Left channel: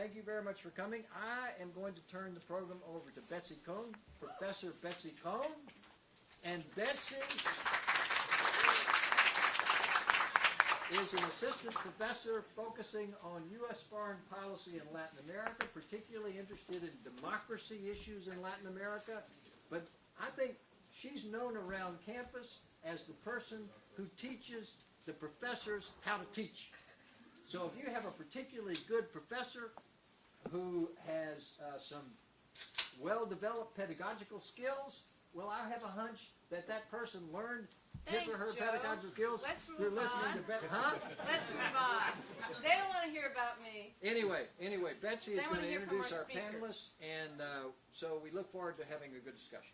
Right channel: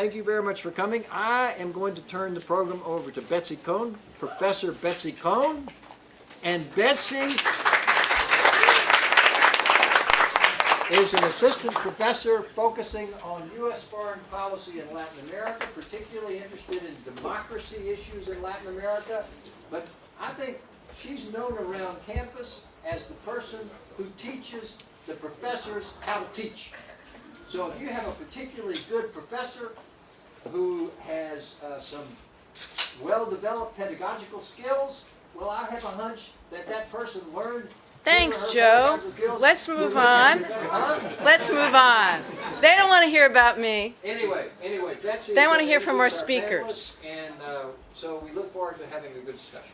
thank you very much for coming. I am going to turn the program over to Betsy Cohn, Professor Betsy Cohn. And Betsy is an assistant professor focusing on U.S. foreign policy in Latin America, particularly interested in democracy issues in Latin America. But I think she's known around campus as the person who teaches the professors how to teach. So if you have a particularly good professor who has some well-developed pedagogical skills, well, I have a hunch that that person learned. Thanks, Joe. Let's move on. Let's move on. They don't want to hear about me. Anyway, Betsy. They want to hear from our speakers. And so we look forward to having a good discussion.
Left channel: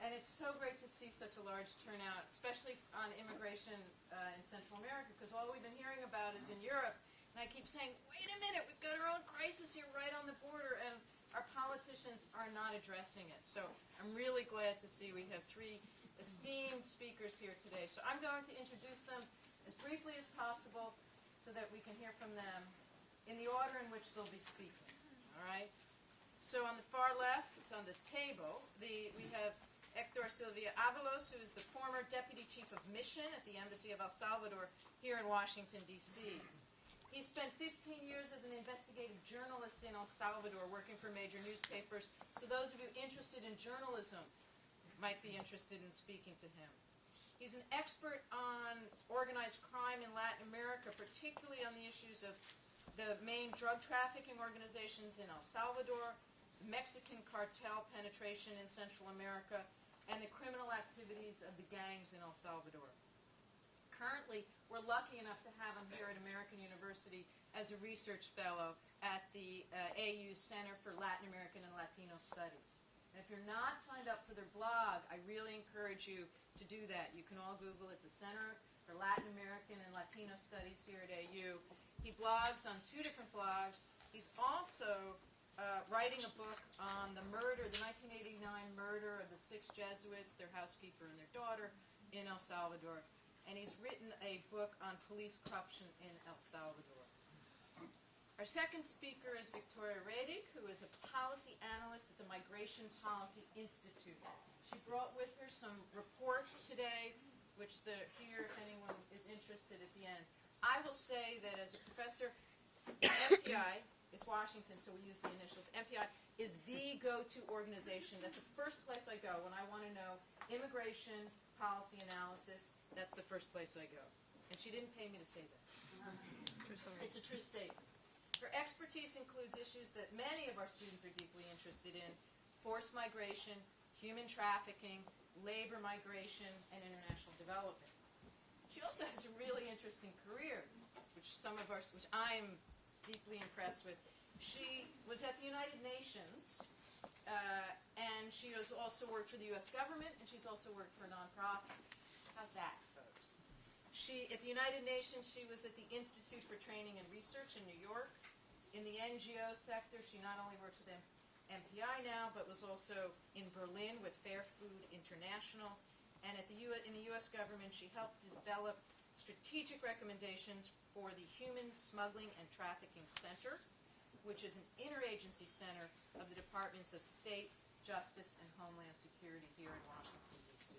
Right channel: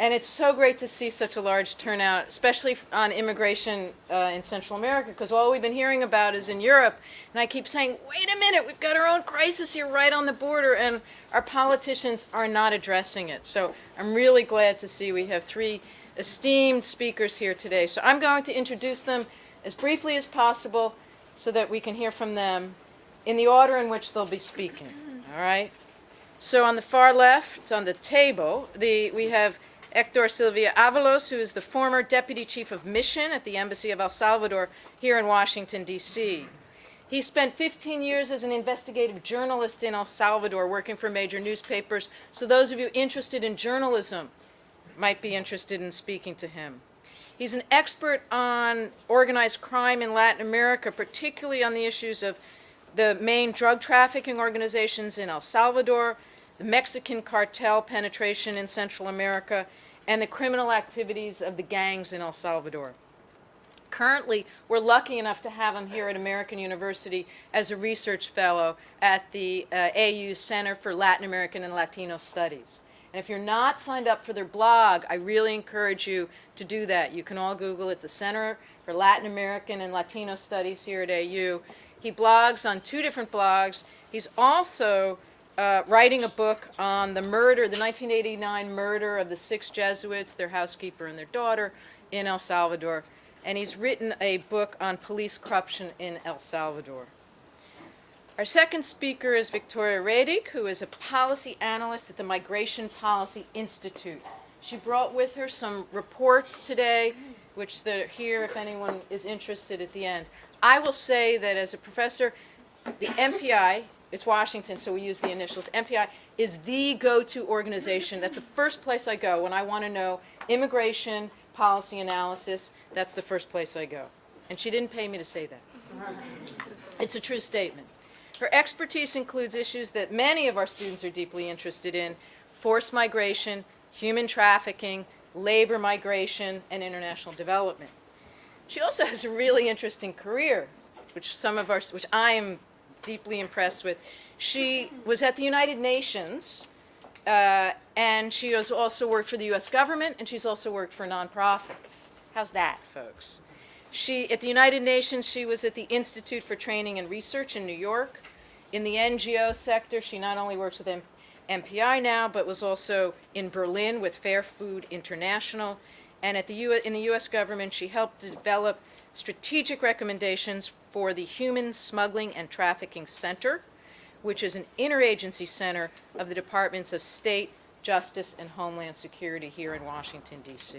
And it's so great to see such a large turnout, especially on immigration in Central America, because all we've been hearing about is in Europe. And I keep saying, wait a minute, we've got our own crisis here right on the border, and our politicians are not addressing it. So I'm really glad to see we have three esteemed speakers here today. So I'm going to introduce them as briefly as possible so that we can hear from them in the order in which they'll be speaking. All right? So on the far left, on the table, we have Hector Silva Avalos, who is the former Deputy Chief of Mission at the Embassy of El Salvador here in Washington, D.C. He spent 15 years as an investigative journalist in El Salvador, working for major newspapers. So those of you interested in journalism might be interested in speaking to him. He's an expert on organized crime in Latin America, particularly on the issues of the main drug trafficking organizations in El Salvador, the Mexican cartel penetration in Central America, and the criminal activities of the gangs in El Salvador. Currently, we're lucky enough to have him here at American University as a research fellow at the AU Center for Latin American and Latino Studies. And if you're not signed up for their blog, I really encourage you to do that. You can all Google it, the Center for Latin American and Latino Studies here at AU. He blogs on 2 different blogs. He's also writing a book on the murder, the 1989 murder of the 6 Jesuits, their housekeeper and their daughter, in El Salvador. And he's written a book on police corruption in El Salvador. Our second speaker is Victoria Redig, who is a policy analyst at the Migration Policy Institute. She brought with her some reports today, which they're here if anyone is interested at the end. I will say that as a professor, the MPI, it's Washington, so we use the initials, MPI is the go-to organization. That's the first place I go when I want to know immigration policy analysis. That's the first place I go. And she didn't pay me to say that. It's a true statement. Her expertise includes issues that many of our students are deeply interested in: forced migration, human trafficking, labor migration, and international development. She also has a really interesting career, which I am deeply impressed with. She was at the United Nations, and she has also worked for the U.S. government, and she's also worked for nonprofits. How's that, folks? At the United Nations, she was at the Institute for Training and Research in New York. In the NGO sector, she not only works with MPI now, but was also in Berlin with Fair Food International. And in the U.S. government, she helped develop strategic recommendations for the Human Smuggling and Trafficking Center, which is an interagency center of the Departments of State, Justice, and Homeland Security here in Washington, D.C.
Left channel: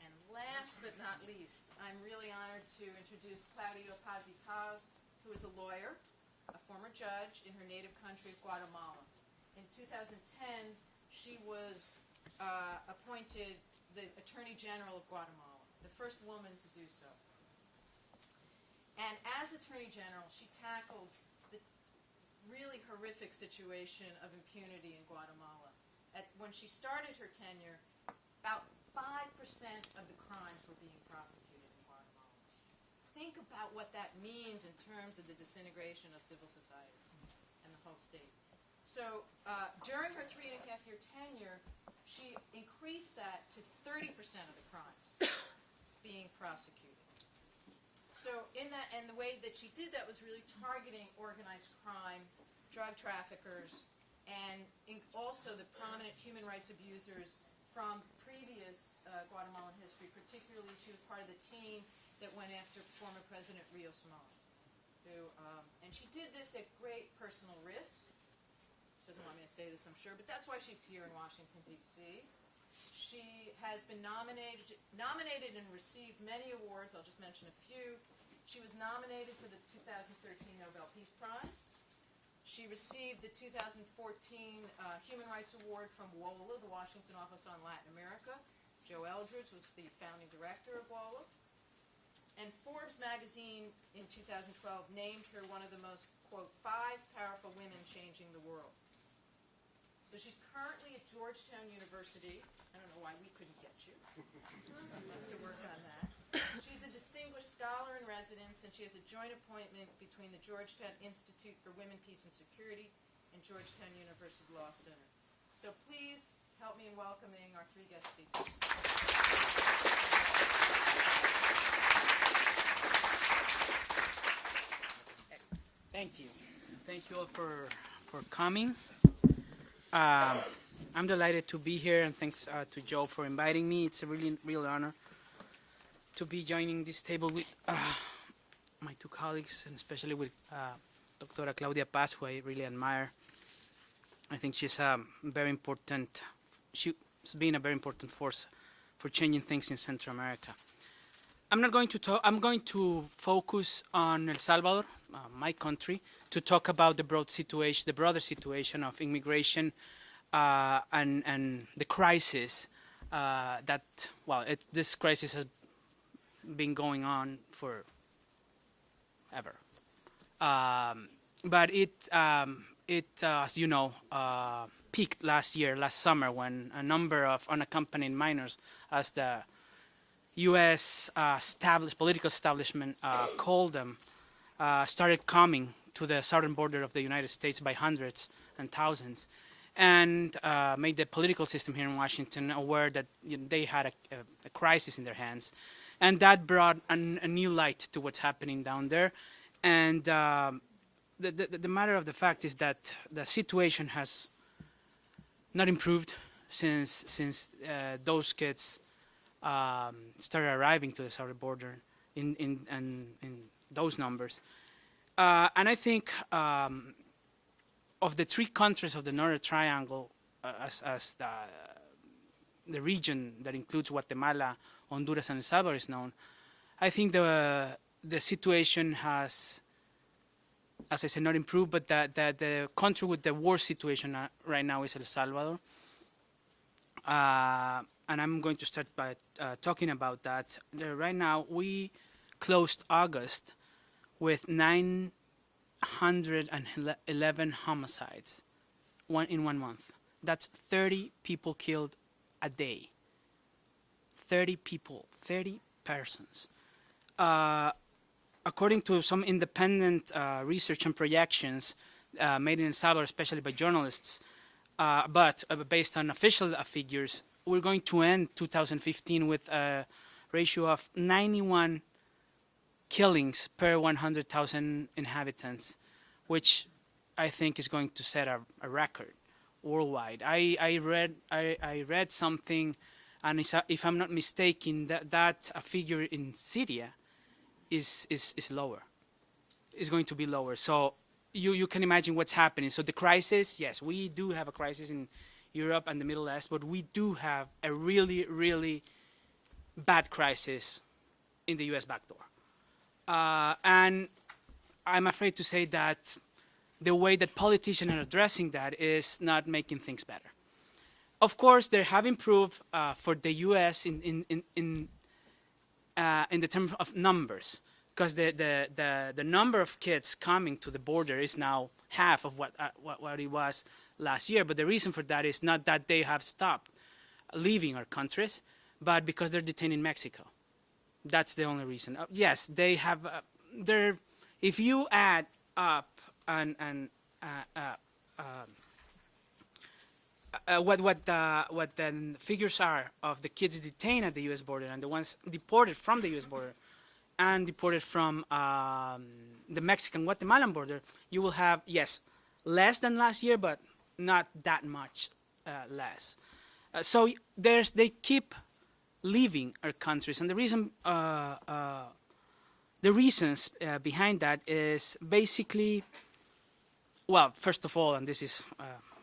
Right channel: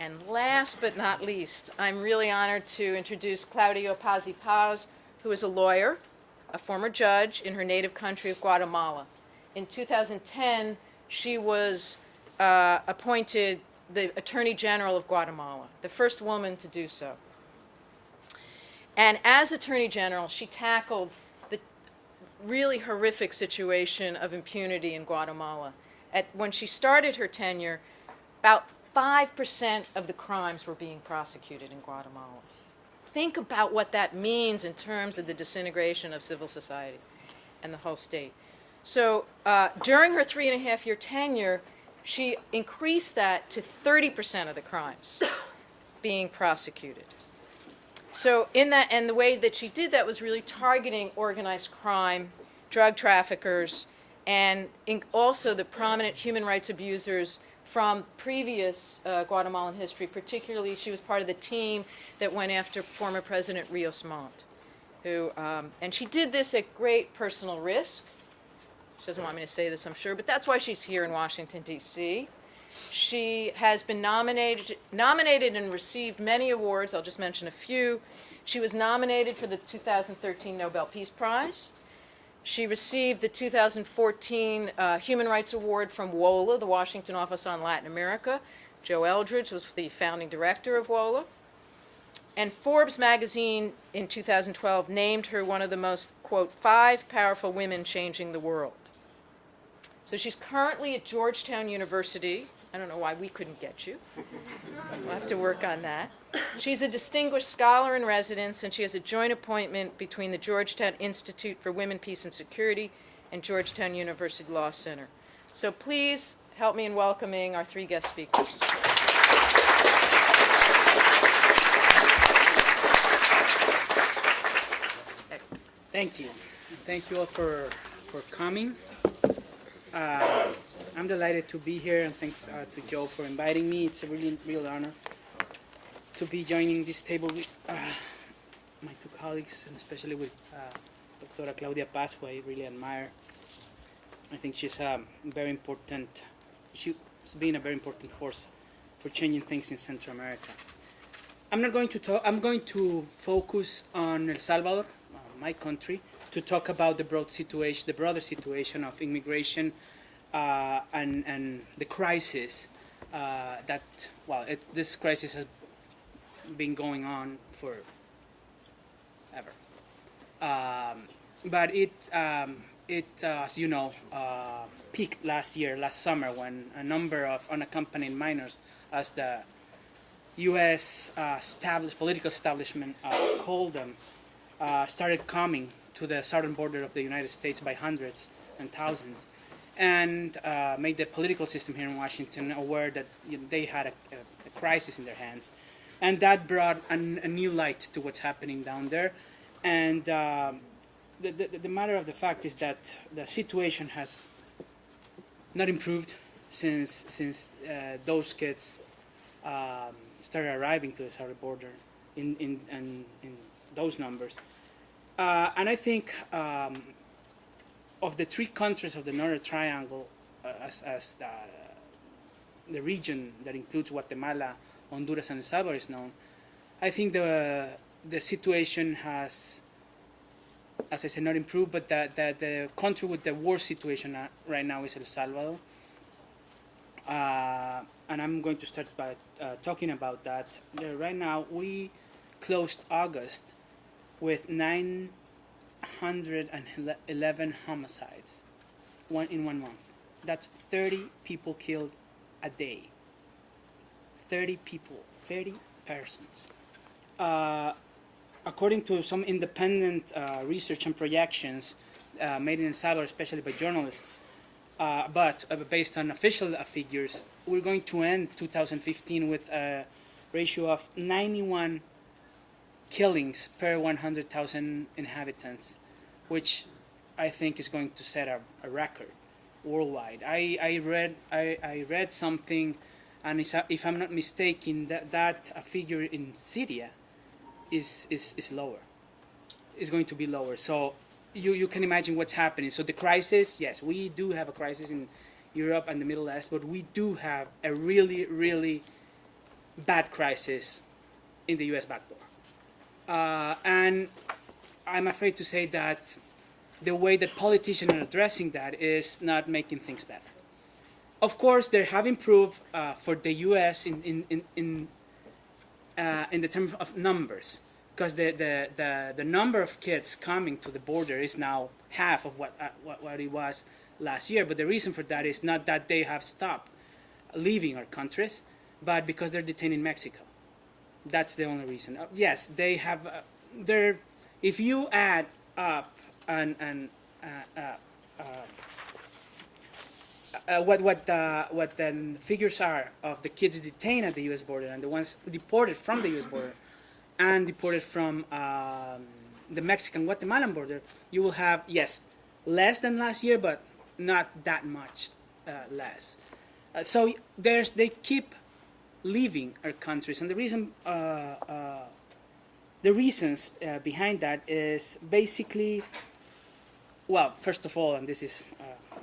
And last but not least, I'm really honored to introduce Claudia Paz-y-Paz, who is a lawyer, a former judge in her native country of Guatemala. In 2010, she was appointed the Attorney General of Guatemala, the first woman to do so. And as Attorney General, she tackled the really horrific situation of impunity in Guatemala. When she started her tenure, about 5% of the crimes were being prosecuted in Guatemala. Think about what that means in terms of the disintegration of civil society and the whole state. So during her 3.5-year tenure, she increased that to 30% of the crimes being prosecuted. So and the way that she did that was really targeting organized crime, drug traffickers, and also the prominent human rights abusers from previous Guatemalan history. Particularly, she was part of the team that went after former President Rios Montt. and she did this at great personal risk. She doesn't want me to say this, I'm sure, but that's why she's here in Washington, D.C. She has been nominated and received many awards. I'll just mention a few. She was nominated for the 2013 Nobel Peace Prize. She received the 2014 Human Rights Award from WOLA, the Washington Office on Latin America. Joe Eldridge was the founding director of WOLA. And Forbes magazine in 2012 named her one of the most, quote, 5 powerful women changing the world. So she's currently at Georgetown University. I don't know why we couldn't get you. We'll have to work on that. She's a distinguished scholar in residence, and she has a joint appointment between the Georgetown Institute for Women, Peace, and Security and Georgetown University Law Center. So please help me in welcoming our 3 guest speakers. Thank you. Thank you all for coming. I'm delighted to be here, and thanks to Joe for inviting me. It's a real honor to be joining this table with my 2 colleagues, and especially with Dr. Claudia Paz, who I really admire. I think she's she's been a very important force for changing things in Central America. I'm not going to talk, I'm going to focus on El Salvador, my country, to talk about the broader situation of immigration and the crisis this crisis has been going on for ever. But it as you know, peaked last summer, when a number of unaccompanied minors, as the U.S. Political establishment called them, started coming to the southern border of the United States by hundreds and thousands, and made the political system here in Washington aware that they had a crisis in their hands. And that brought a new light to what's happening down there. And the matter of the fact is that the situation has not improved since those kids started arriving to the southern border in those numbers. And I think of the 3 countries of the Northern Triangle, as the region that includes Guatemala, Honduras, and El Salvador is known, I think the situation has, as I said, not improved, but that the country with the worst situation right now is El Salvador. And I'm going to start by talking about that. Right now, we closed August with 911 homicides in 1 month. That's 30 people killed a day. 30 people, 30 persons. According to some independent research and projections made in El Salvador, especially by journalists, but based on official figures, we're going to end 2015 with a ratio of 91 killings per 100,000 inhabitants, which I think is going to set a record worldwide. I read something, and if I'm not mistaken, that figure in Syria is lower. It's going to be lower. So you can imagine what's happening. So the crisis, yes, we do have a crisis in Europe and the Middle East, but we do have a really, really bad crisis in the U.S. backdoor. And I'm afraid to say that the way that politicians are addressing that is not making things better. Of course, they have improved for the U.S. in the terms of numbers, because the number of kids coming to the border is now half of what it was last year. But the reason for that is not that they have stopped leaving our countries, but because they're detained in Mexico. That's the only reason. Yes, they have. If you add up what the figures are of the kids detained at the U.S. border and the ones deported from the U.S. border and deported from the Mexican-Guatemalan border, you will have, yes, less than last year, but not that much less. So they keep leaving our countries, and the reason the reasons behind that is basically, well, first of all, and this is,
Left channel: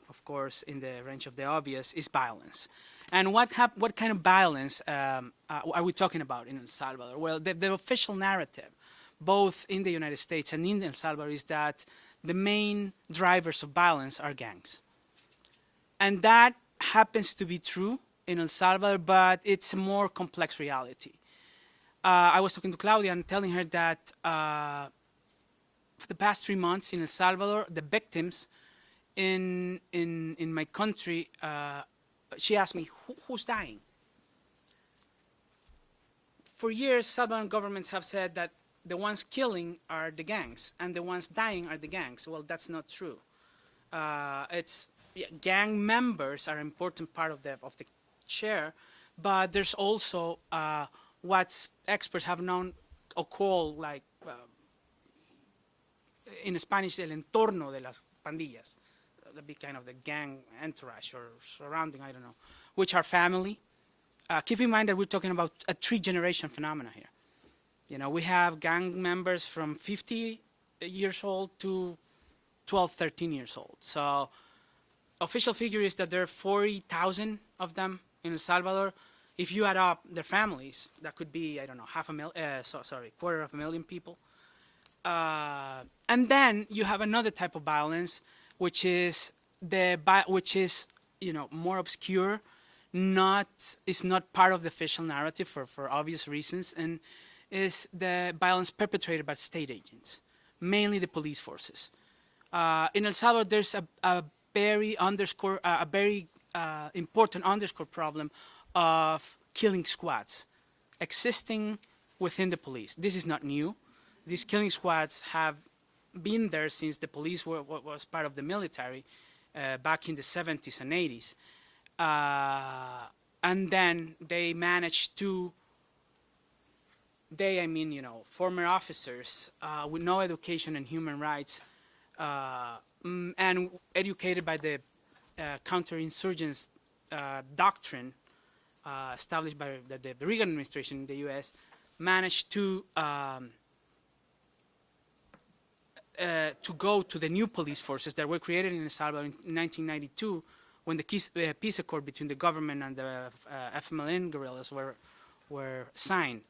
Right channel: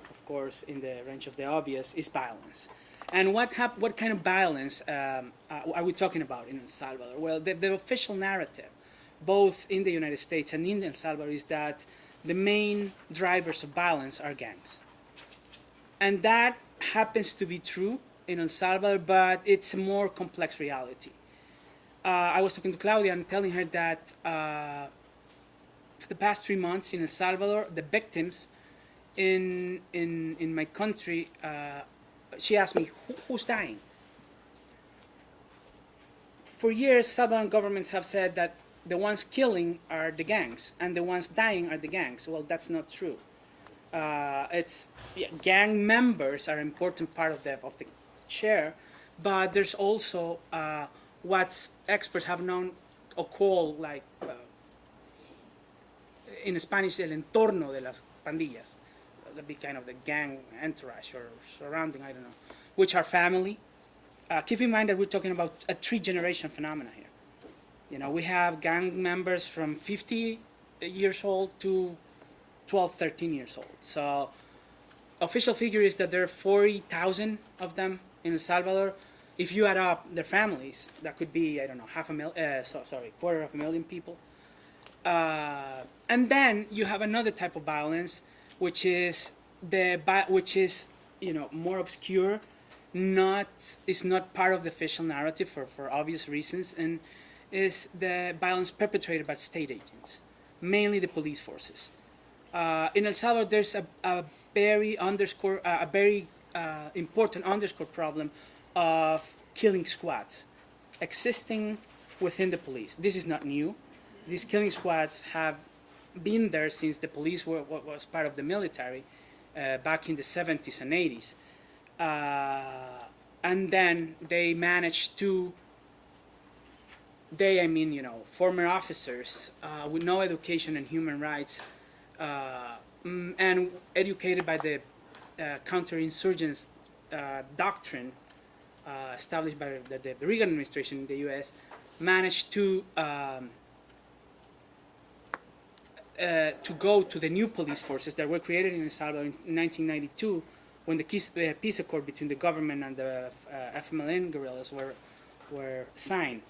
of course, in the range of the obvious, is violence. And what kind of violence are we talking about in El Salvador? Well, the official narrative, both in the United States and in El Salvador, is that the main drivers of violence are gangs. And that happens to be true in El Salvador, but it's a more complex reality. I was talking to Claudia and telling her that for the past 3 months in El Salvador, the victims in my country, she asked me, who's dying? For years, Salvadoran governments have said that the ones killing are the gangs and the ones dying are the gangs. Well, that's not true. Gang members are an important part of the share, but there's also what experts have known or called, like in Spanish, el entorno de las pandillas, the kind of the gang entourage or surrounding, I don't know, which are family. Keep in mind that we're talking about a 3-generation phenomena here. You know, we have gang members from 50 years old to 12, 13 years old. So official figure is that there are 40,000 of them in El Salvador. If you add up their families, that could be, I don't know, 250,000 people. And then you have another type of violence, which is more obscure, is not part of the official narrative for obvious reasons, and is the violence perpetrated by state agents, mainly the police forces. In El Salvador, there's a very important underscore problem of killing squads existing within the police. This is not new. These killing squads have been there since the police was part of the military back in the 70s and 80s. And then they managed to, former officers with no education in human rights and educated by the counterinsurgents doctrine established by the Reagan administration in the U.S., managed to go to the new police forces that were created in El Salvador in 1992, when the peace accord between the government and the FMLN guerrillas were signed.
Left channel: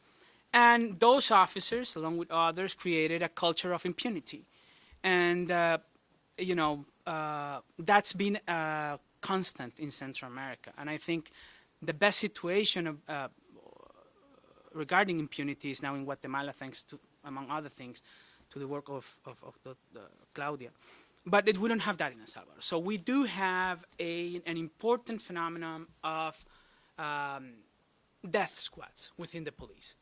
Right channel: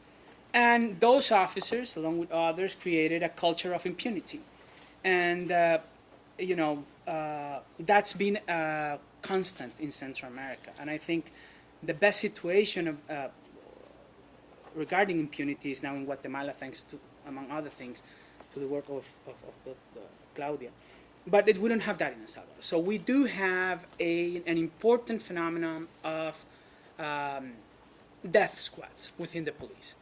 And those officers, along with others, created a culture of impunity. And, that's been constant in Central America. And I think the best situation regarding impunity is now in Guatemala, thanks to, among other things, to the work of Claudia. But we don't have that in El Salvador. So we do have an important phenomenon of death squads within the police,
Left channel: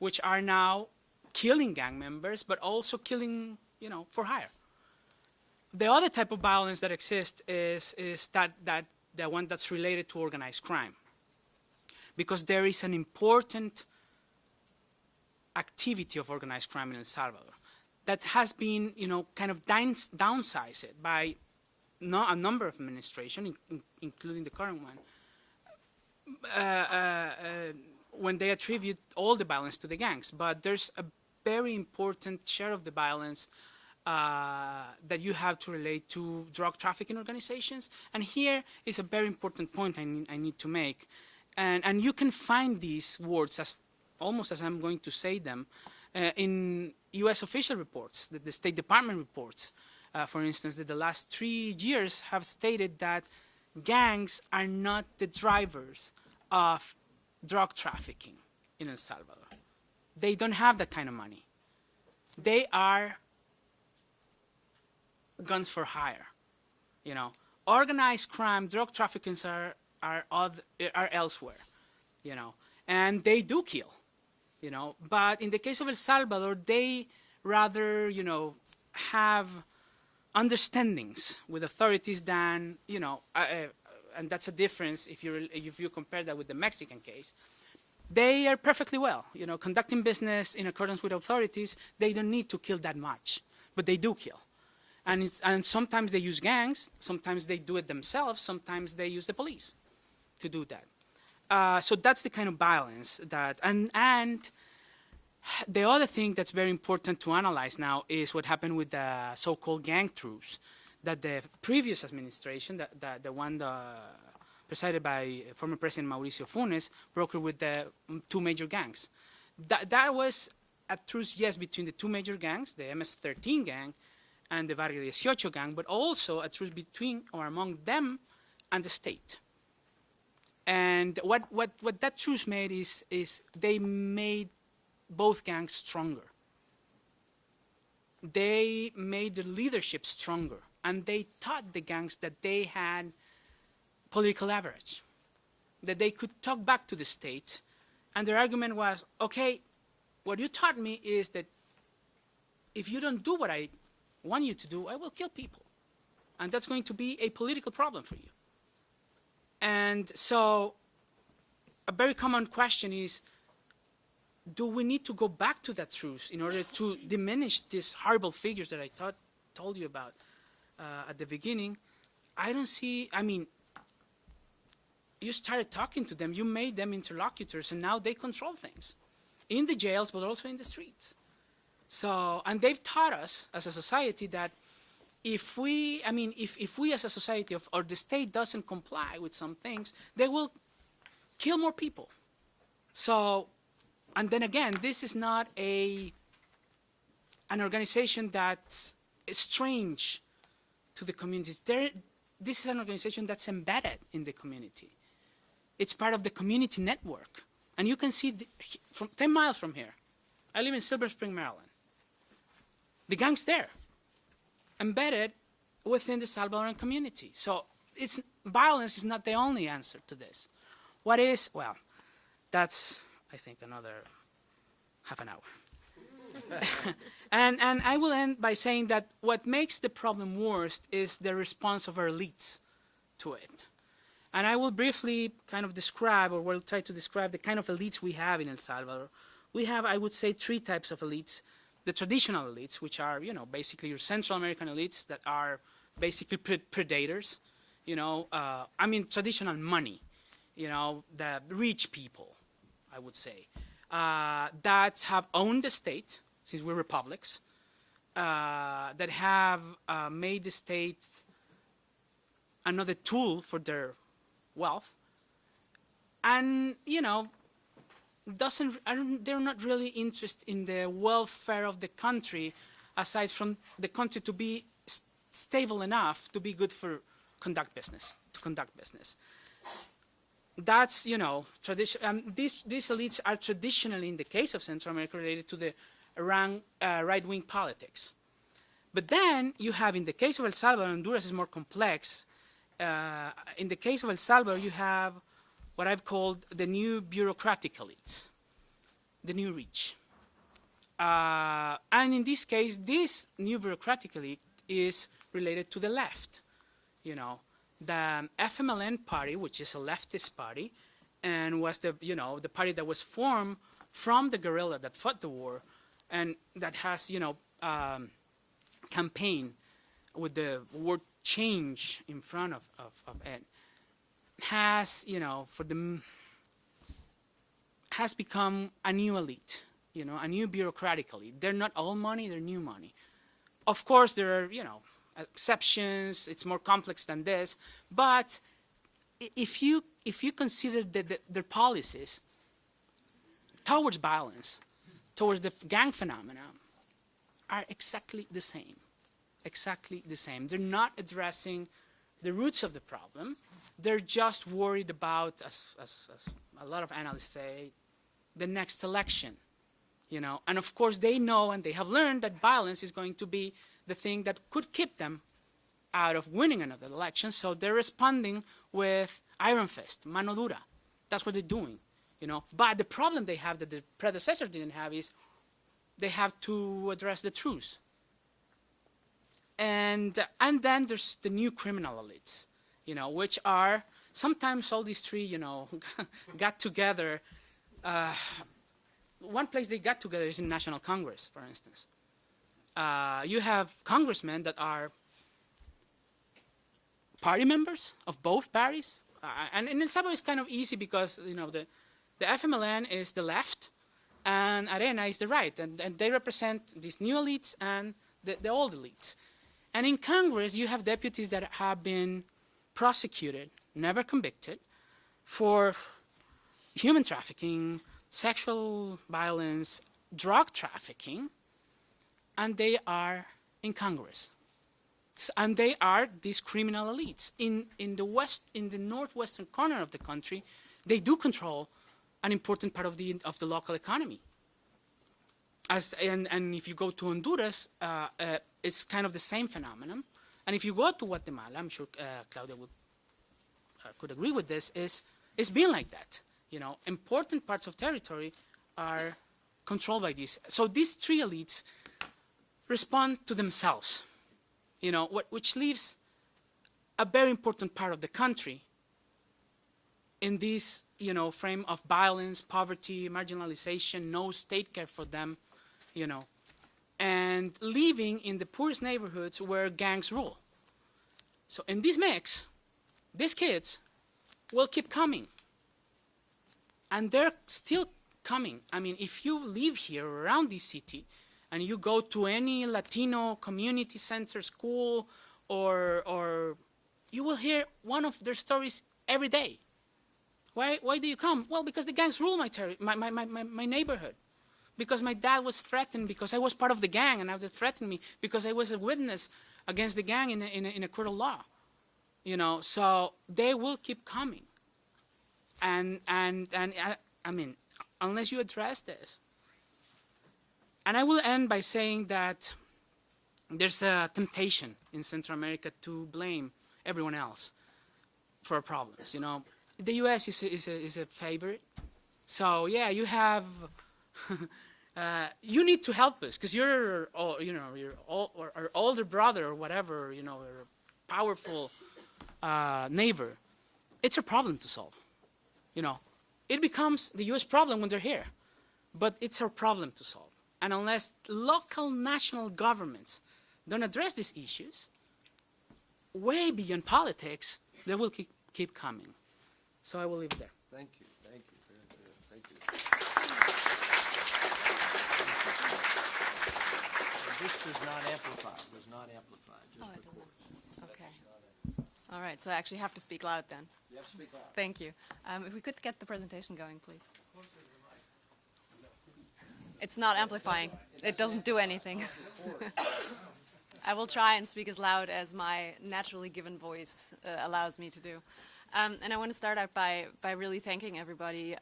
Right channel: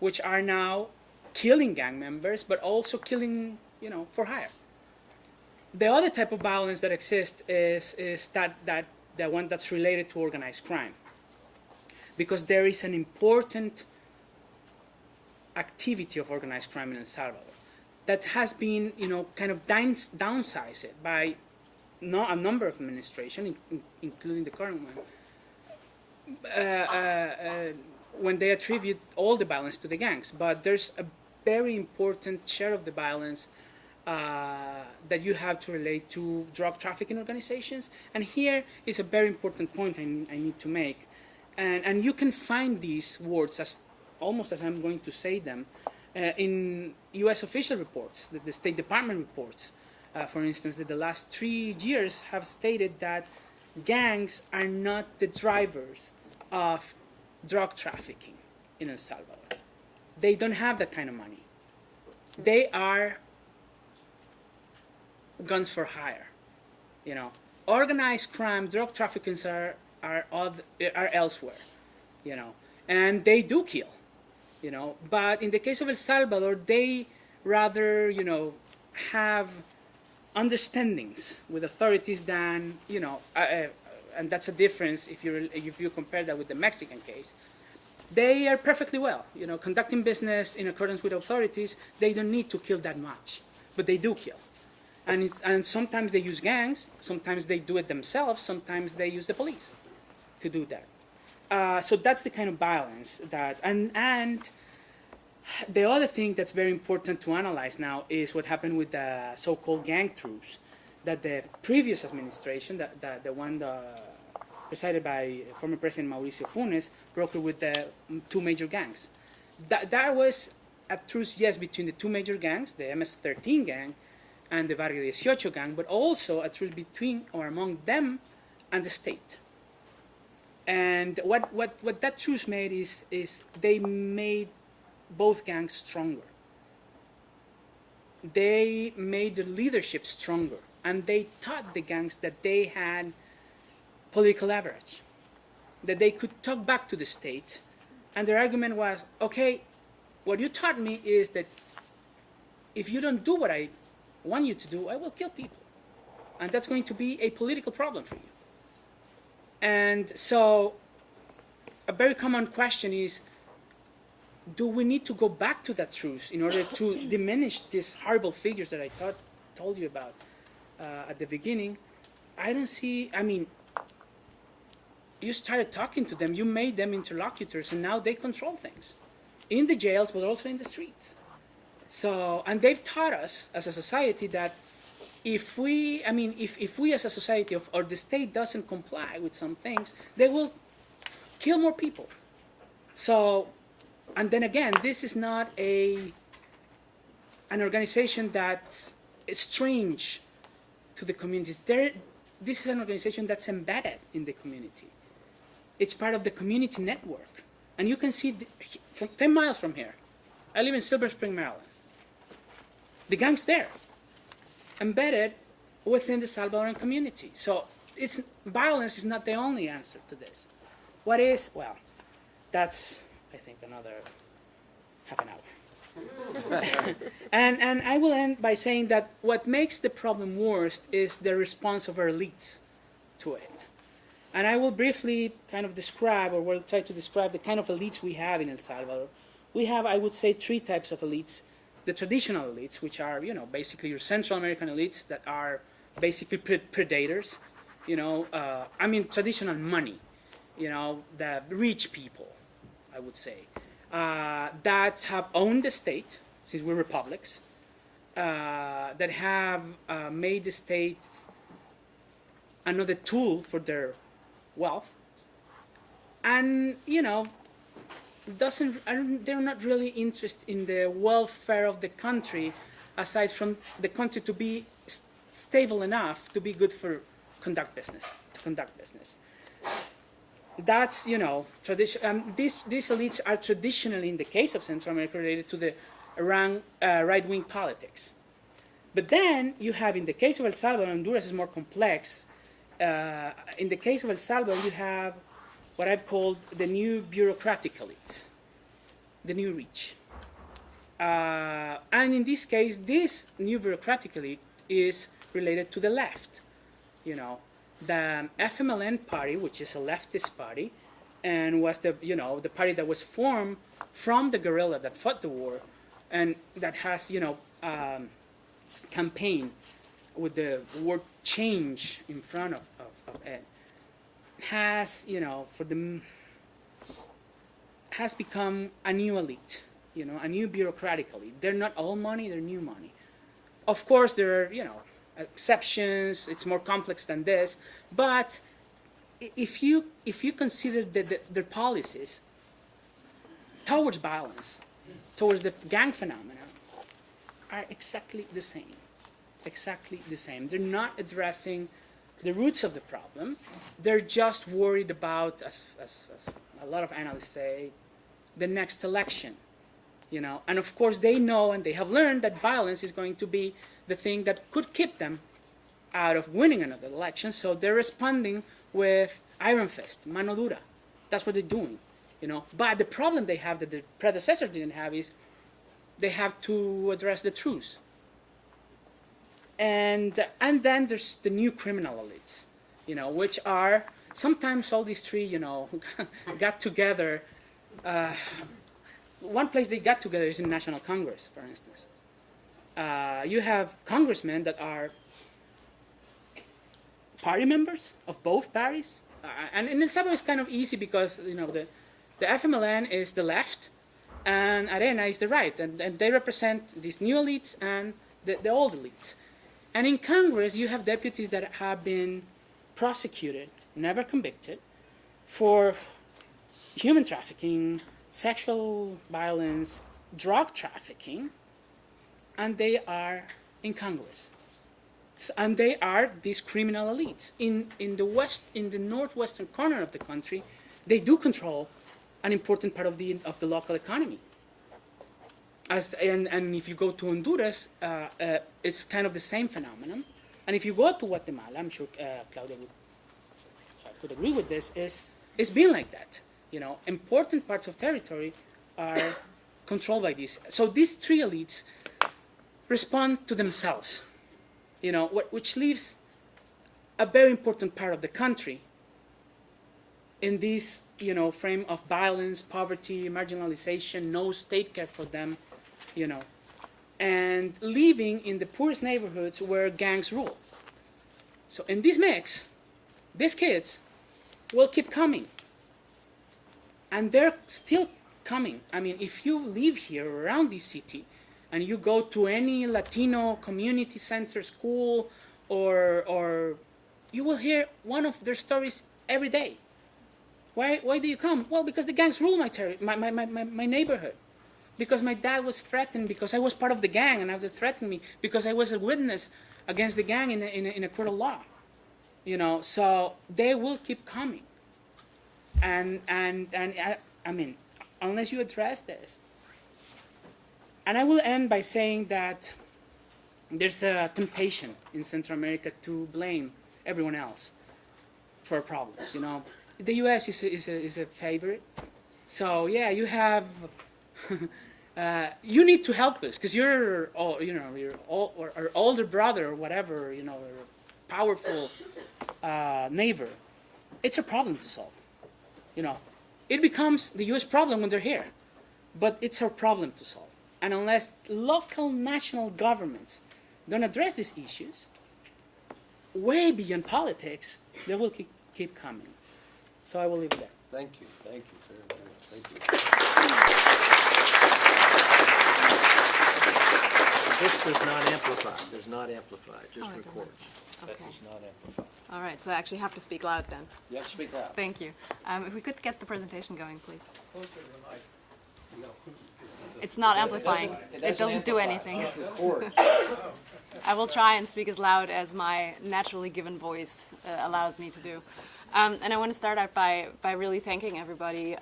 which are now killing gang members, but also killing, for hire. The other type of violence that exists is that the one that's related to organized crime, because there is an important activity of organized crime in El Salvador that has been, kind of downsized by a number of administrations, including the current one, when they attribute all the violence to the gangs. But there's a very important share of the violence that you have to relate to drug trafficking organizations. And here is a very important point I need to make. And you can find these words almost as I'm going to say them in U.S. official reports, the State Department reports, for instance, that the last 3 years have stated that gangs are not the drivers of drug trafficking in El Salvador. They don't have that kind of money. They are guns for hire. Organized crime, drug traffickers are elsewhere, and they do kill. But in the case of El Salvador, they rather, have understandings with authorities than, and that's a difference if you compare that with the Mexican case. They are perfectly well, conducting business in accordance with authorities. They don't need to kill that much, but they do kill. And sometimes they use gangs, sometimes they do it themselves, sometimes they use the police to do that. So that's the kind of violence that, and The other thing that's very important to analyze now is what happened with the so-called gang truce that the previous administration, the one presided by former President Mauricio Funes, brokered with the two major gangs. That was a truce, yes, between the two major gangs, the MS-13 gang and the Barrio 18 gang, but also a truce between or among them and the state. And what that truce made is they made both gangs stronger. They made the leadership stronger, and they taught the gangs that they had political leverage, that they could talk back to the state. And their argument was, okay, what you taught me is that if you don't do what I want you to do, I will kill people. And that's going to be a political problem for you. And so a very common question is, do we need to go back to that truce in order to diminish these horrible figures that I told you about at the beginning? I don't see, I mean, you started talking to them, you made them interlocutors, and now they control things in the jails, but also in the streets. So, and they've taught us as a society that if we, I mean, if we as a society or the state doesn't comply with some things, they will kill more people. So, and then again, this is not an organization that's strange to the communities. This is an organization that's embedded in the community. It's part of the community network. And you can see from 10 miles from here. I live in Silver Spring, Maryland. The gang's there, embedded within the Salvadoran community. So violence is not the only answer to this. What is? Well, that's, I think, another half an hour. and I will end by saying that what makes the problem worse is the response of our elites to it. And I will briefly kind of describe, or will try to describe, the kind of elites we have in El Salvador. We have, I would say, three types of elites. The traditional elites, which are, you know, basically your Central American elites that are basically predators, you know, I mean, traditional money, you know, the rich people, I would say, that have owned the state, since we're republics, that have made the state another tool for their wealth, and, you know, they're not really interested in the welfare of the country, aside from the country to be stable enough to be good for conduct business. That's, you know, tradition. These elites are traditionally, in the case of Central America, related to the right-wing politics. But then you have, in the case of El Salvador, Honduras is more complex. In the case of El Salvador, you have what I've called the new bureaucratic elite, the new rich. And in this case, this new bureaucratic elite is related to the left. You know, the FMLN party, which is a leftist party, and was the, you know, the party that was formed from the guerrilla that fought the war, and that has, you know, campaigned with the word change in front of it, has, you know, has become a new elite, you know, a new bureaucratic elite. They're not all money, they're new money. Of course, there are, you know, exceptions, it's more complex than this, but if you consider their policies towards violence, towards the gang phenomena, are exactly the same. Exactly the same. They're not addressing the roots of the problem. They're just worried about, as a lot of analysts say, the next election, you know. And of course, they know and they have learned that violence is going to be the thing that could keep them out of winning another election. So they're responding with iron fist, mano dura. That's what they're doing, you know. But the problem they have that the predecessor didn't have is they have to address the truth. And then there's the new criminal elites, you know, which are sometimes all these three, you know, got together. One place they got together is in National Congress, for instance. You have congressmen that are party members of both parties. And in El Salvador it's kind of easy because, you know, the FMLN is the left, and Arena is the right, and they represent these new elites and the old elites. And in Congress, you have deputies that have been prosecuted, never convicted, for human trafficking, sexual violence, drug trafficking, and they are in Congress. And they are these criminal elites. In the northwestern corner of the country, they do control an important part of the local economy. And if you go to Honduras, it's kind of the same phenomenon. And if you go to Guatemala, I'm sure Claudia could agree with this, it's been like that. You know, important parts of territory are controlled by these. So these three elites respond to themselves, you know, which leaves a very important part of the country in this, you know, frame of violence, poverty, marginalization, no state care for them, you know, and living in the poorest neighborhoods where gangs rule. So in this mix, these kids will keep coming. And they're still coming. I mean, if you live here around this city and you go to any Latino community center, school, or you will hear one of their stories every day. Why do you come? Well, because the gangs rule my neighborhood. Because my dad was threatened because I was part of the gang and now they threatened me because I was a witness against the gang in a court of law. You know, so they will keep coming. And I mean, unless you address this. And I will end by saying that there's a temptation in Central America to blame everyone else for our problems. You know, the U.S. is a favorite. So yeah, you have, you need to help us because you're or older brother or whatever, you know, or a powerful neighbor. It's a problem to solve. You know, it becomes the U.S. problem when they're here, but it's our problem to solve. And unless local national governments don't address these issues, way beyond politics, they will keep coming. So I will leave it there. Thank you very much. Thank you. This does not amplify, just it records. That Okay. does not amplify. All right, so I actually have to speak loud then. Yeah, speak out. Thank you. If we could get the presentation going, please. It's not amplifying. It doesn't do anything. Records. I will try and speak as loud as my naturally given voice allows me to do. And I want to start out by really thanking everybody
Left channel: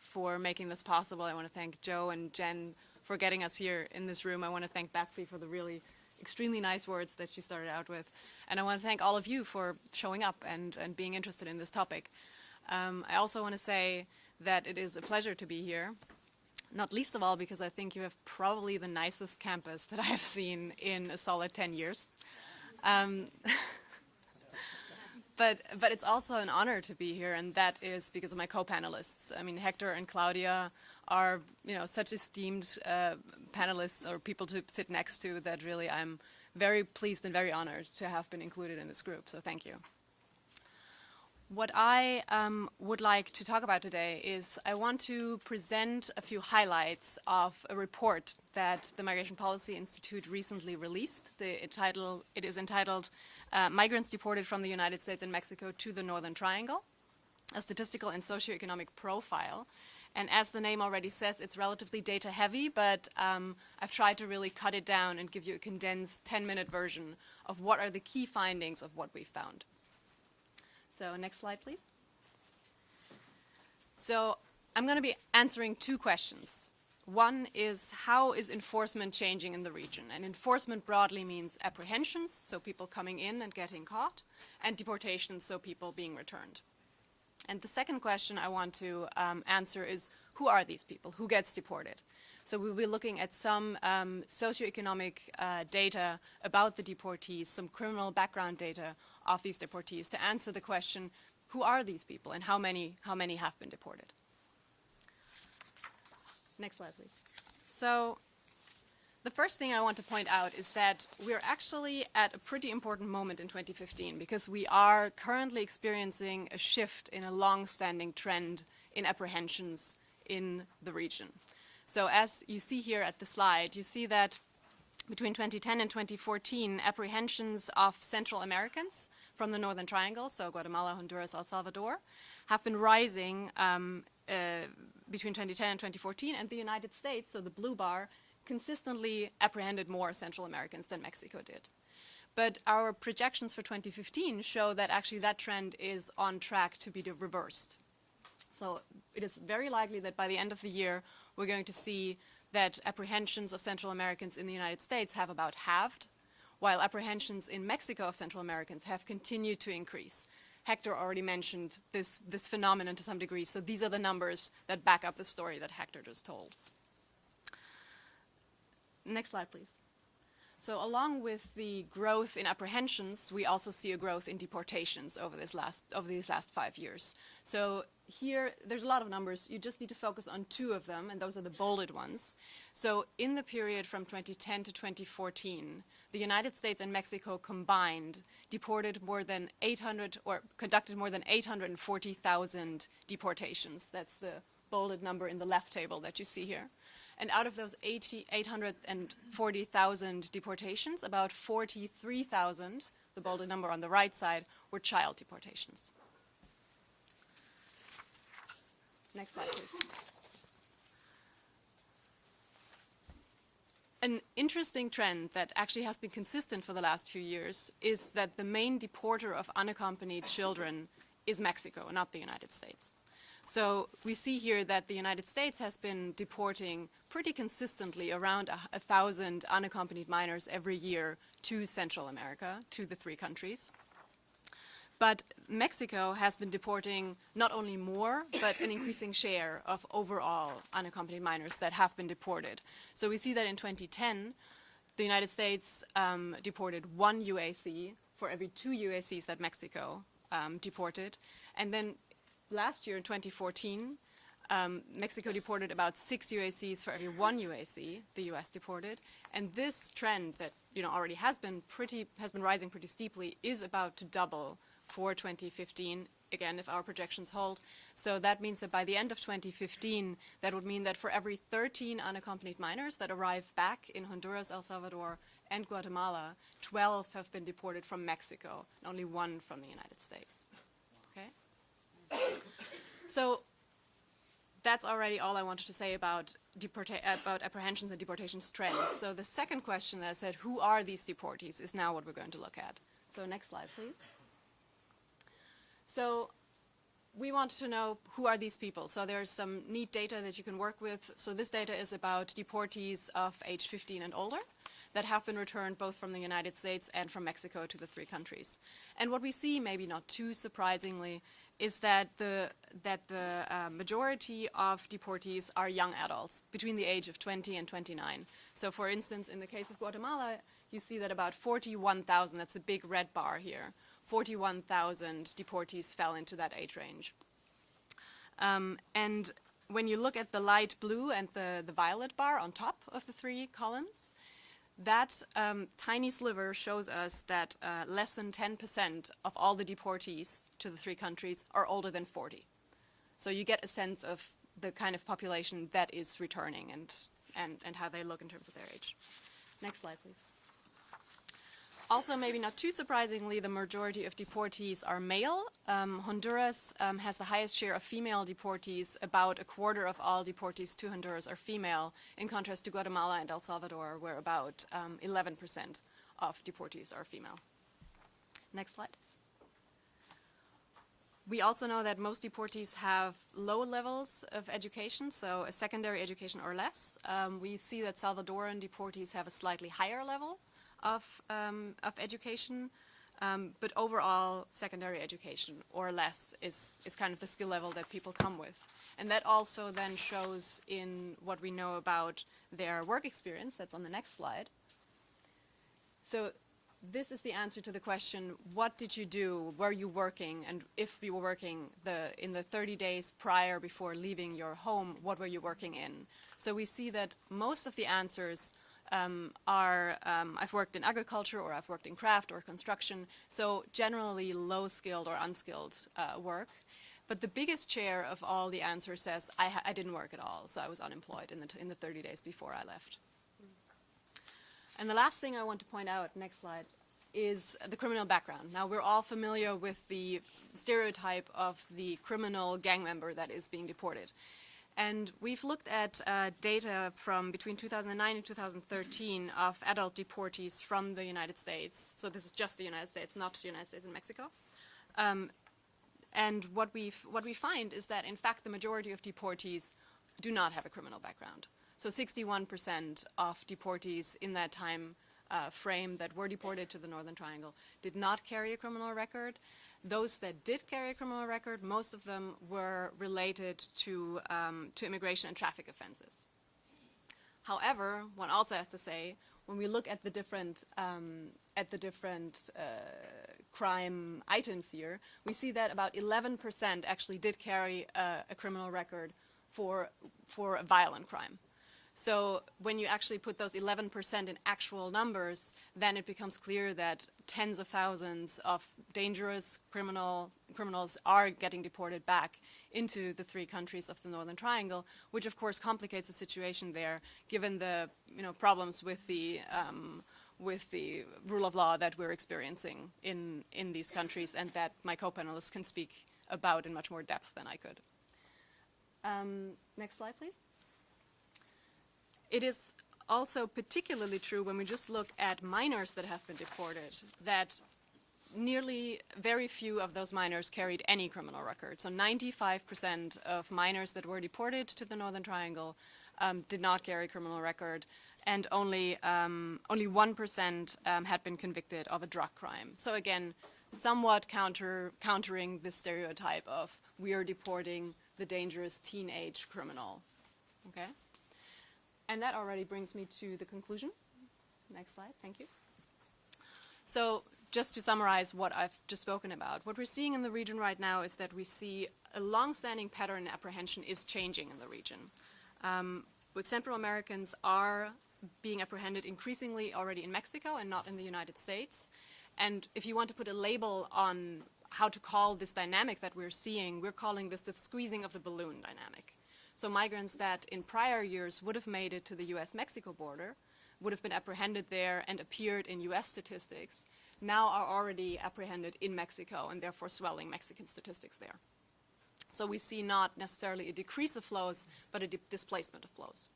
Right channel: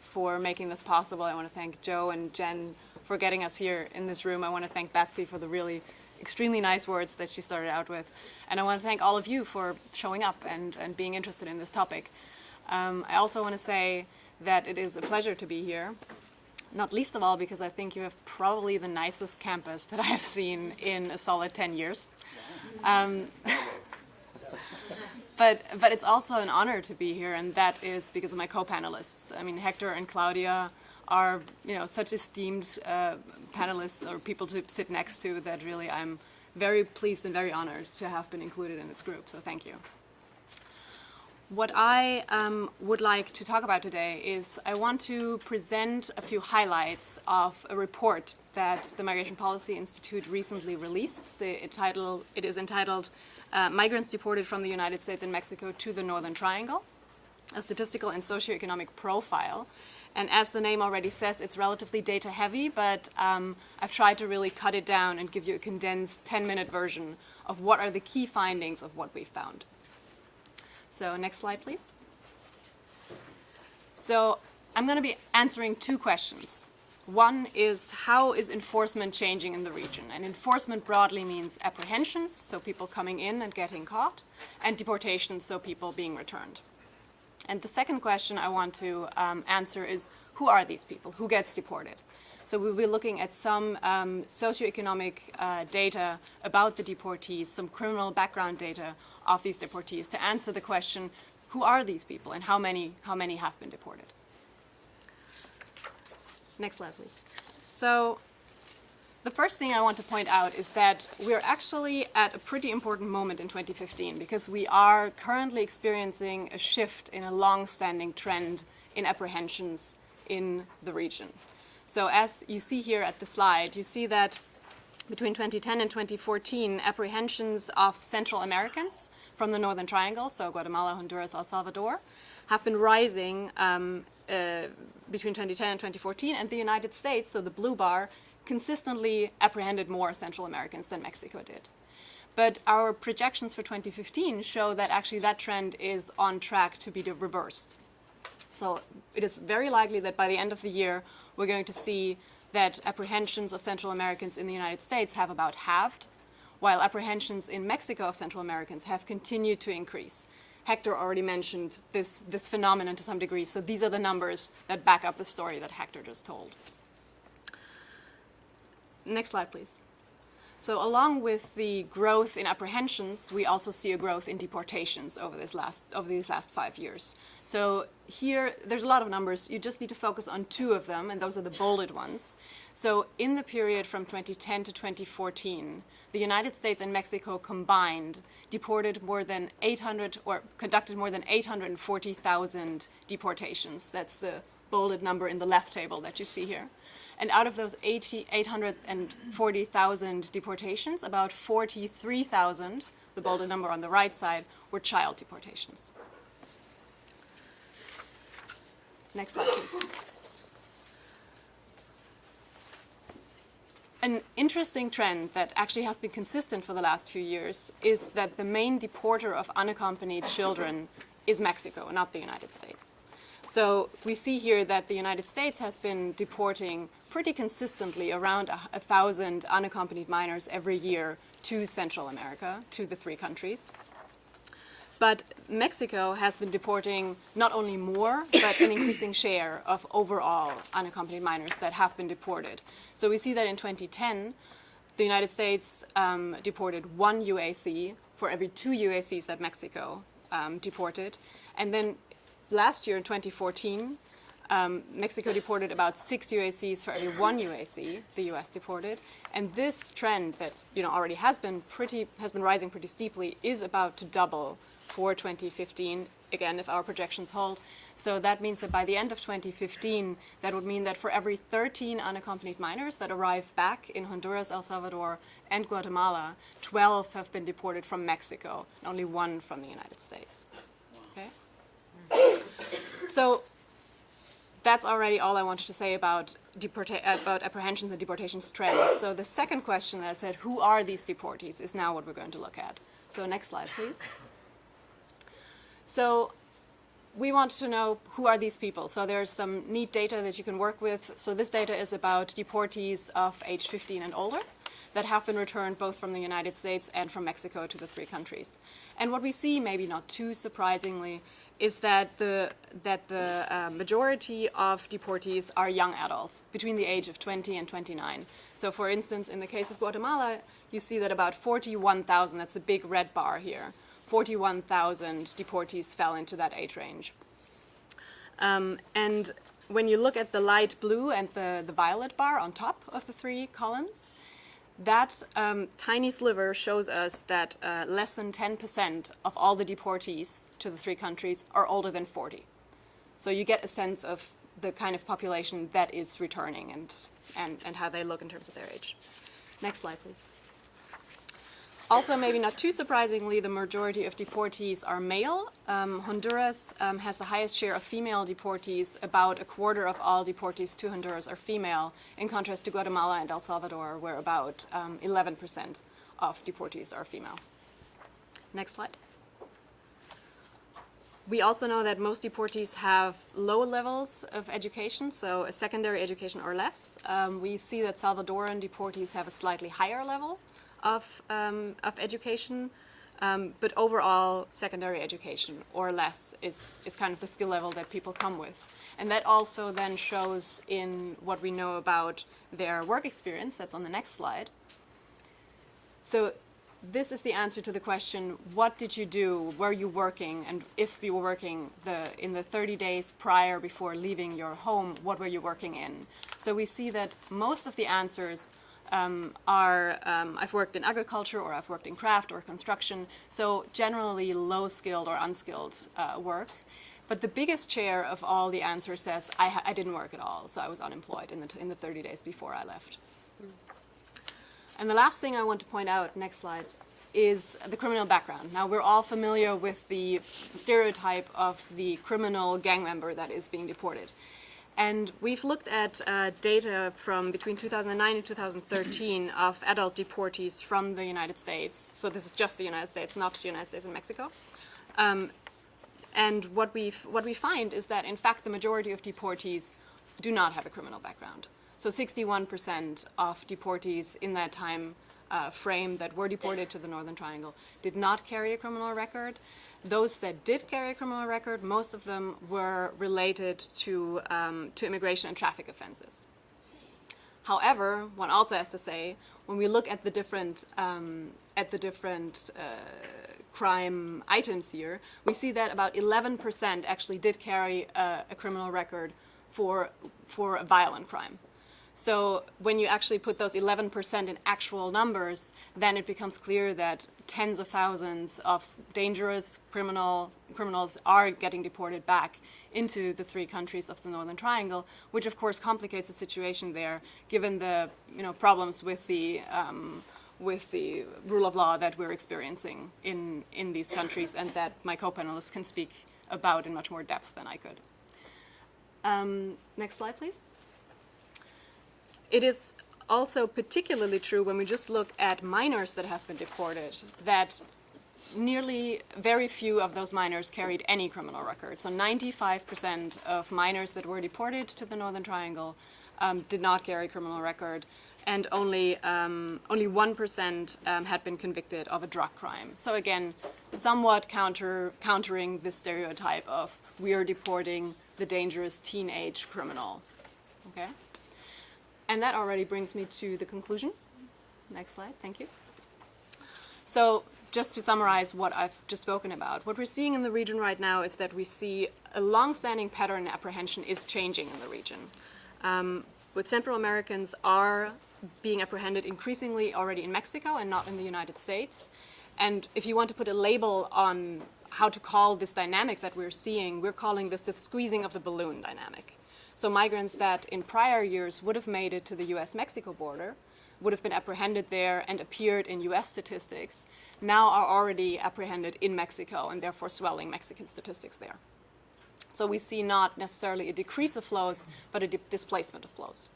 for making this possible. I want to thank Joe and Jen for getting us here in this room. I want to thank Betsy for the really extremely nice words that she started out with. And I want to thank all of you for showing up and being interested in this topic. I also want to say that it is a pleasure to be here. Not least of all because I think you have probably the nicest campus that I have seen in a solid 10 years. But it's also an honor to be here, and that is because of my co-panelists. I mean, Hector and Claudia are, you know, such esteemed panelists or people to sit next to that really I'm very pleased and very honored to have been included in this group, so thank you. What I would like to talk about today is I want to present a few highlights of a report that the Migration Policy Institute recently released. It is entitled Migrants Deported from the United States and Mexico to the Northern Triangle, a statistical and socioeconomic profile. And as the name already says, it's relatively data heavy, but I've tried to really cut it down and give you a condensed 10-minute version of what are the key findings of what we found. So next slide, please. So I'm going to be answering two questions. One is, how is enforcement changing in the region? And enforcement broadly means apprehensions, so people coming in and getting caught, and deportations, so people being returned. And the second question I want to answer is, who are these people? Who gets deported? So we'll be looking at some socioeconomic data about the deportees, some criminal background data of these deportees to answer the question, who are these people and how many have been deported? Next slide, please. So the first thing I want to point out is that we're actually at a pretty important moment in 2015 because we are currently experiencing a shift in a long-standing trend in apprehensions in the region. So as you see here at the slide, you see that between 2010 and 2014, apprehensions of Central Americans from the Northern Triangle, so Guatemala, Honduras, El Salvador, have been rising between 2010 and 2014, and the United States, so the blue bar, consistently apprehended more Central Americans than Mexico did. But our projections for 2015 show that actually that trend is on track to be reversed. So it is very likely that by the end of the year, we're going to see that apprehensions of Central Americans in the United States have about halved, while apprehensions in Mexico of Central Americans have continued to increase. Hector already mentioned this phenomenon to some degree, so these are the numbers that back up the story that Hector just told. Next slide, please. So along with the growth in apprehensions, we also see a growth in deportations over these last 5 years. So here, there's a lot of numbers. You just need to focus on two of them, and those are the bolded ones. So in the period from 2010 to 2014, the United States and Mexico combined deported more than 800, or conducted more than 840,000 deportations. That's the bolded number in the left table that you see here. And out of those 840,000 deportations, about 43,000, the bolded number on the right side, were child deportations. Next slide, please. An interesting trend that actually has been consistent for the last few years is that the main deporter of unaccompanied children is Mexico, not the United States. So we see here that the United States has been deporting pretty consistently around 1,000 unaccompanied minors every year to Central America, to the three countries. But Mexico has been deporting not only more, but an increasing share of overall unaccompanied minors that have been deported. So we see that in 2010, the United States deported 1 UAC for every 2 UACs that Mexico deported. And then last year, in 2014, Mexico deported about 6 UACs for every 1 UAC the U.S. deported, and this trend that already has been rising pretty steeply is about to double for 2015. Again, if our projections hold. So that means that by the end of 2015, that would mean that for every 13 unaccompanied minors that arrive back in Honduras, El Salvador, and Guatemala, 12 have been deported from Mexico, and only 1 from the United States. Okay. So that's already all I wanted to say about apprehensions and deportations trends. So the second question that I said, who are these deportees, is now what we're going to look at. So next slide, please. So we want to know, who are these people? So there's some neat data that you can work with. So this data is about deportees of age 15 and older that have been returned both from the United States and from Mexico to the three countries. And what we see, maybe not too surprisingly, is that the majority of deportees are young adults between the age of 20 and 29. So for instance, in the case of Guatemala, you see that about 41,000, that's a big red bar here, 41,000 deportees fell into that age range. And when you look at the light blue and the violet bar on top of the three columns, that tiny sliver shows us that less than 10% of all the deportees to the three countries are older than 40. So you get a sense of the kind of population that is returning and how they look in terms of their age. Next slide, please. Also, maybe not too surprisingly, the majority of deportees are male. Honduras has the highest share of female deportees. About a quarter of all deportees to Honduras are female, in contrast to Guatemala and El Salvador, where about 11% of deportees are female. Next slide. We also know that most deportees have low levels of education, so a secondary education or less. We see that Salvadoran deportees have a slightly higher level of education, but overall secondary education or less is kind of the skill level that people come with. And that also then shows in what we know about their work experience. That's on the next slide. So this is the answer to the question, what did you do, were you working, and if you were working in the 30 days prior before leaving your home, what were you working in? So we see that most of the answers are I've worked in agriculture, or I've worked in craft or construction, so generally low-skilled or unskilled work. But the biggest share of all the answers says, I didn't work at all, so I was unemployed in the 30 days before I left. And the last thing I want to point out, next slide, is the criminal background. Now, we're all familiar with the stereotype of the criminal gang member that is being deported. And we've looked at data from between 2009 and 2013 of adult deportees from the United States. So this is just the United States, not the United States and Mexico. And what we find is that, in fact, the majority of deportees do not have a criminal background. So 61% of deportees in that time frame that were deported to the Northern Triangle did not carry a criminal record. Those that did carry a criminal record, most of them were related to immigration and traffic offenses. However, one also has to say, when we look at the different crime items here, we see that about 11% actually did carry a criminal record for a violent crime. So when you actually put those 11% in actual numbers, then it becomes clear that tens of thousands of dangerous criminals are getting deported back into the three countries of the Northern Triangle, which of course complicates the situation there, given the problems with the rule of law that we're experiencing in these countries, and that my co-panelists can speak about in much more depth than I could. Next slide, please. It is also particularly true when we just look at minors that have been deported, that very few of those minors carried any criminal record. So 95% of minors that were deported to the Northern Triangle did not carry a criminal record, and only 1% had been convicted of a drug crime. So again, somewhat countering the stereotype of we are deporting the dangerous teenage criminal. Okay? And that already brings me to the conclusion. Next slide, thank you. So just to summarize what I've just spoken about, what we're seeing in the region right now is that we see a long-standing pattern in apprehension is changing in the region. With Central Americans are being apprehended increasingly already in Mexico and not in the United States. And if you want to put a label on how to call this dynamic that we're seeing, we're calling this the squeezing of the balloon dynamic. So migrants that in prior years would have made it to the US-Mexico border, would have been apprehended there and appeared in US statistics, now are already apprehended in Mexico and therefore swelling Mexican statistics there. So we see not necessarily a decrease of flows, but a displacement of flows.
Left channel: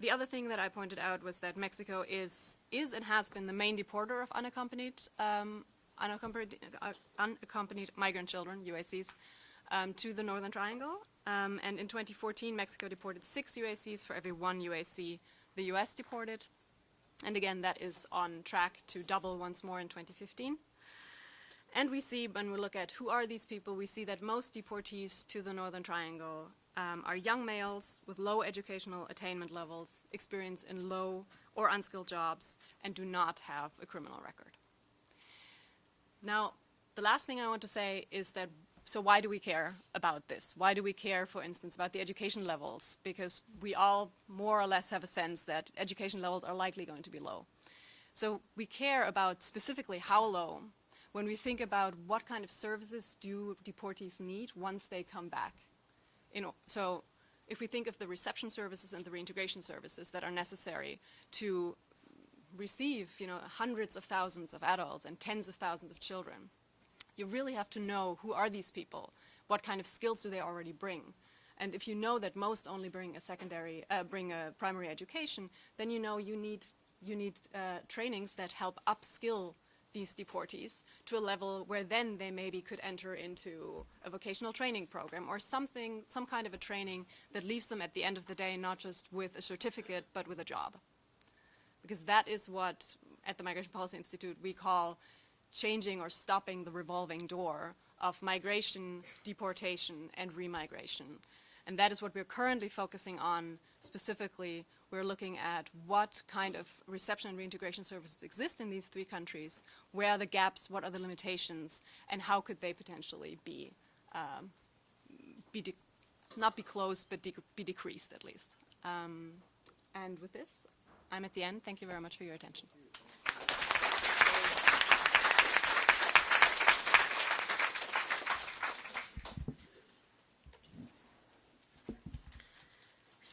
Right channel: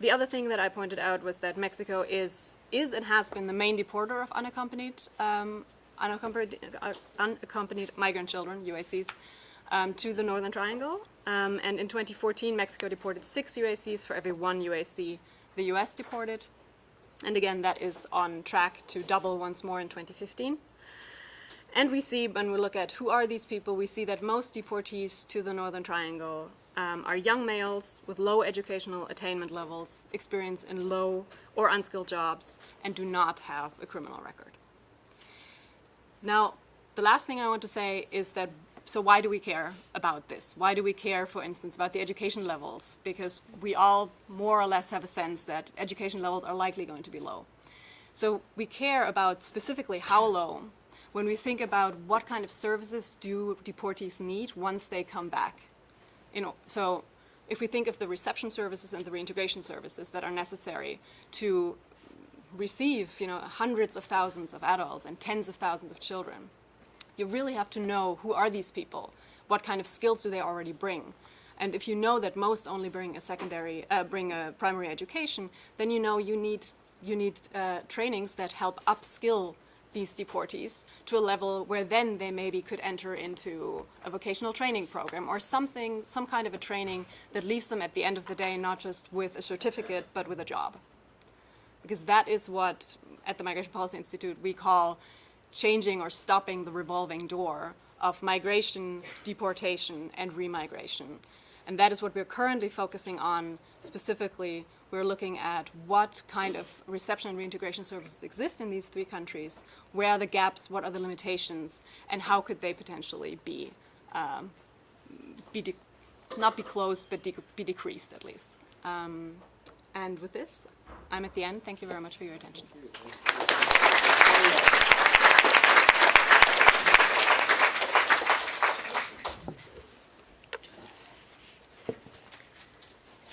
The other thing that I pointed out was that Mexico is and has been the main deporter of unaccompanied migrant children, UACs, to the Northern Triangle. And in 2014, Mexico deported 6 UACs for every 1 UAC the US deported. And again, that is on track to double once more in 2015. And we see, when we look at who are these people, we see that most deportees to the Northern Triangle are young males with low educational attainment levels, experience in low or unskilled jobs, and do not have a criminal record. Now, the last thing I want to say is that, so why do we care about this? Why do we care, for instance, about the education levels? Because we all more or less have a sense that education levels are likely going to be low. So we care about specifically how low when we think about what kind of services do deportees need once they come back. So if we think of the reception services and the reintegration services that are necessary to receive hundreds of thousands of adults and tens of thousands of children, you really have to know who are these people, what kind of skills do they already bring. And if you know that most only bring a primary education, then you need trainings that help upskill these deportees to a level where then they maybe could enter into a vocational training program or some kind of a training that leaves them at the end of the day not just with a certificate but with a job. Because that is what at the Migration Policy Institute we call changing or stopping the revolving door of migration, deportation, and remigration. And that is what we're currently focusing on. Specifically, we're looking at what kind of reception and reintegration services exist in these 3 countries, where are the gaps, what are the limitations, and how could they potentially not be closed, but be decreased at least. And with this, I'm at the end. Thank you very much for your attention.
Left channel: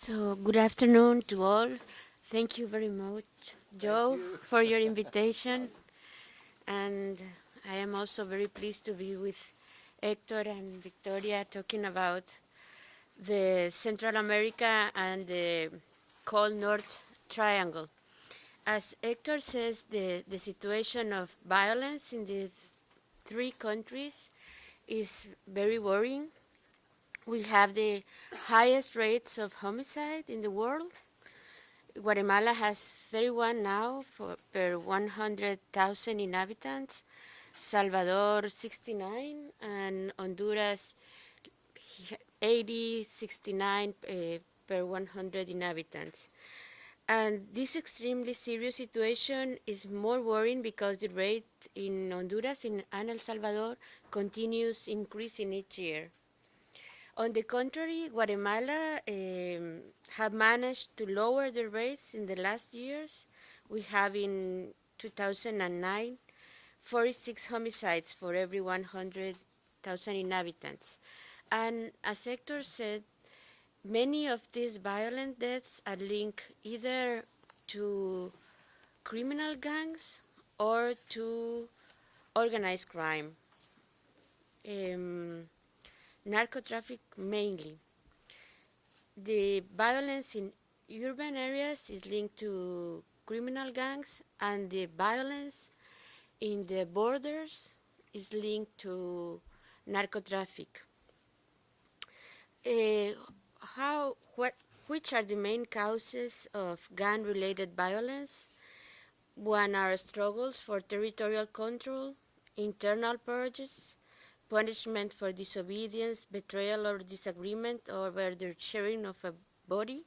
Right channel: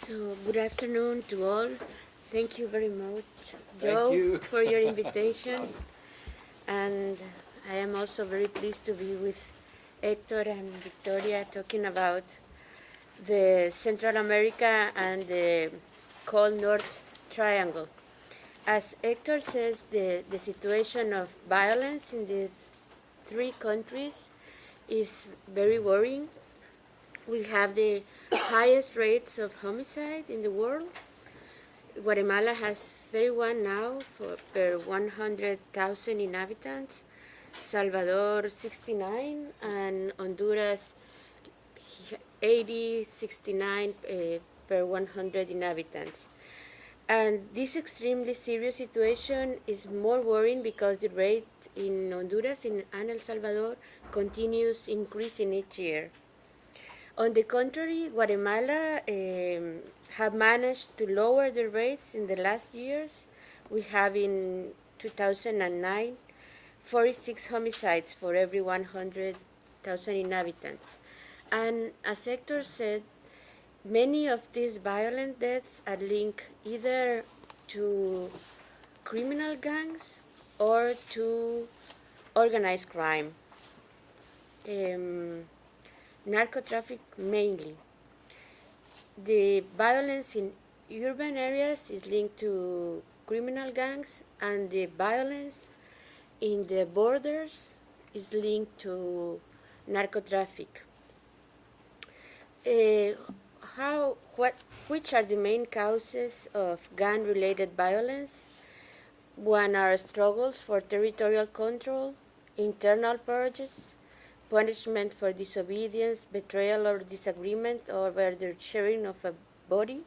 So, good afternoon to all. Thank you very much, Joe, you. for your invitation. And I am also very pleased to be with Hector and Victoria talking about the Central America and the cold North Triangle. As Hector says, the situation of violence in the three countries is very worrying. We have the highest rates of homicide in the world. Guatemala has 31 now per 100,000 inhabitants, Salvador 69, and Honduras 69 per 100 inhabitants. And this extremely serious situation is more worrying because the rate in Honduras and El Salvador continues increasing each year. On the contrary, Guatemala have managed to lower the rates in the last years. We have in 2009 46 homicides for every 100,000 inhabitants. And as Hector said, many of these violent deaths are linked either to criminal gangs or to organized crime. Narco-traffic mainly. The violence in urban areas is linked to criminal gangs, and the violence in the borders is linked to narco-traffic. Which are the main causes of gun-related violence? One are struggles for territorial control, internal purges, punishment for disobedience, betrayal, or disagreement over the sharing of a body.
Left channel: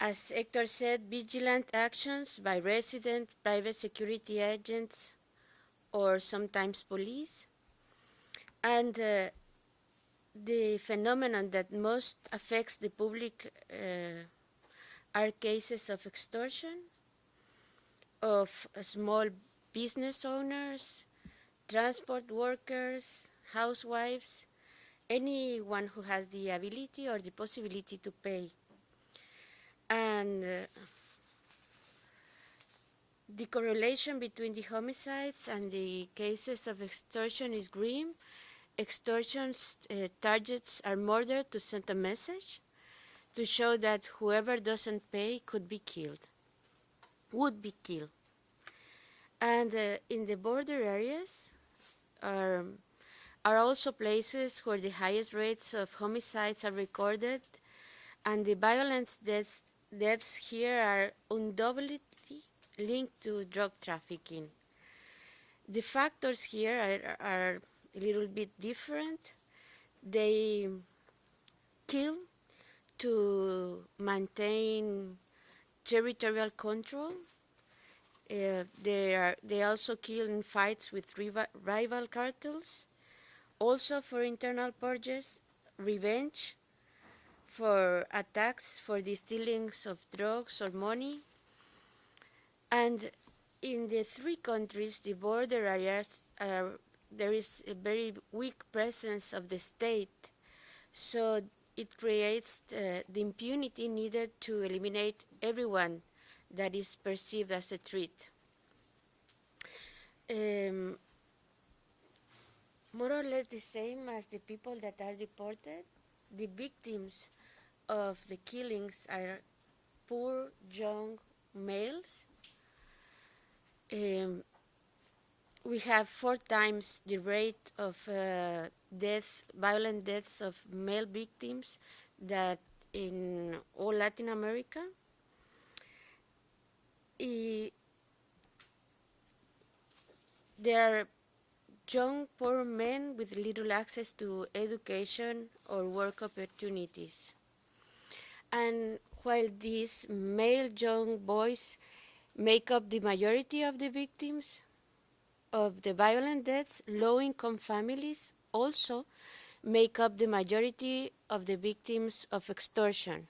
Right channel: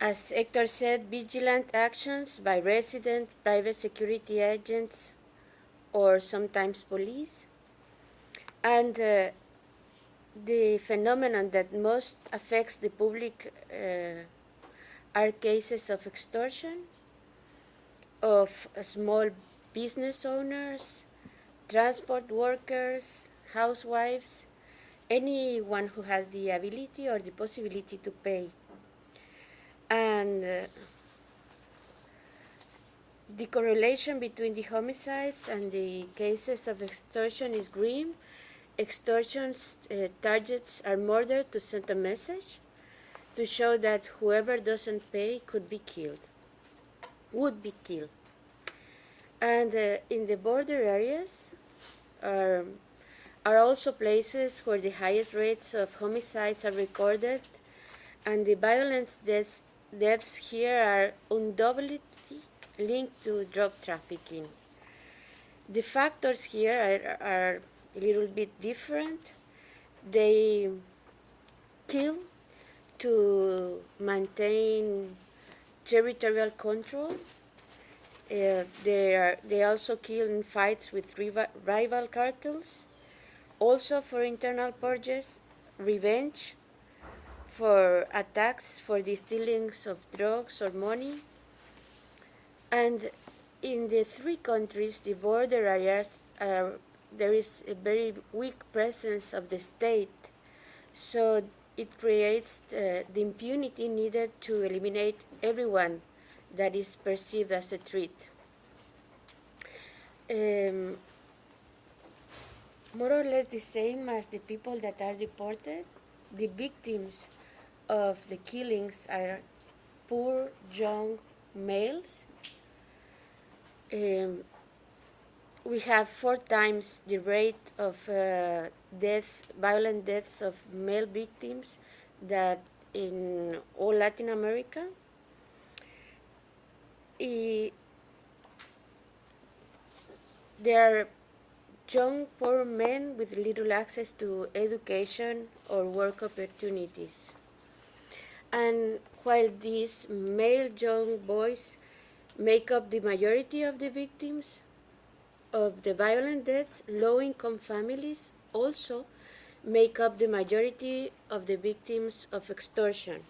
As Hector said, vigilant actions by resident, private security agents, or sometimes police. And the phenomenon that most affects the public are cases of extortion, of small business owners, transport workers, housewives, anyone who has the ability or the possibility to pay. And the correlation between the homicides and the cases of extortion is grim. Extortion's targets are murdered to send a message to show that whoever doesn't pay would be killed. And in the border areas are also places where the highest rates of homicides are recorded, and the violent deaths here are undoubtedly linked to drug trafficking. The factors here are a little bit different. They kill to maintain territorial control. They also kill in fights with rival cartels, also for internal purges, revenge, for attacks for the stealings of drugs or money. And in the three countries, the border areas, there is a very weak presence of the state, so it creates the impunity needed to eliminate everyone that is perceived as a threat. More or less the same as the people that are deported, the victims of the killings are poor young males. We have 4 times the rate of violent deaths of male victims that in all Latin America. There are young poor men with little access to education or work opportunities. And while these male young boys make up the majority of the victims of the violent deaths, low-income families also make up the majority of the victims of extortion,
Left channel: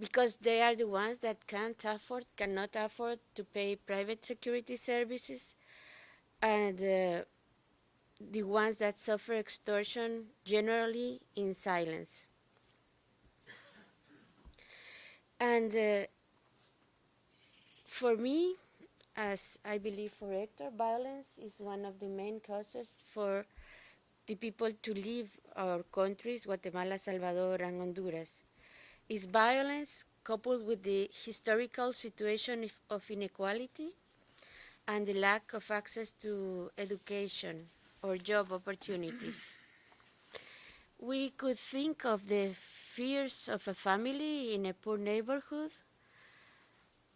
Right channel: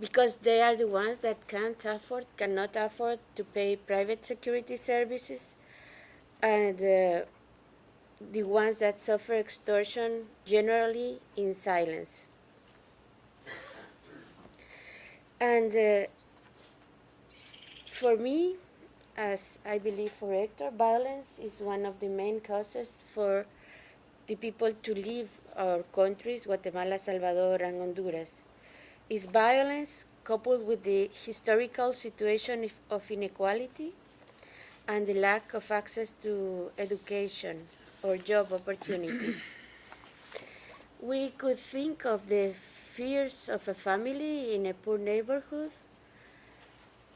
because they are the ones that cannot afford to pay private security services, and the ones that suffer extortion generally in silence. And for me, as I believe for Hector, violence is one of the main causes for the people to leave our countries, Guatemala, Salvador, and Honduras. Is violence coupled with the historical situation of inequality and the lack of access to education or job opportunities. We could think of the fears of a family in a poor neighborhood.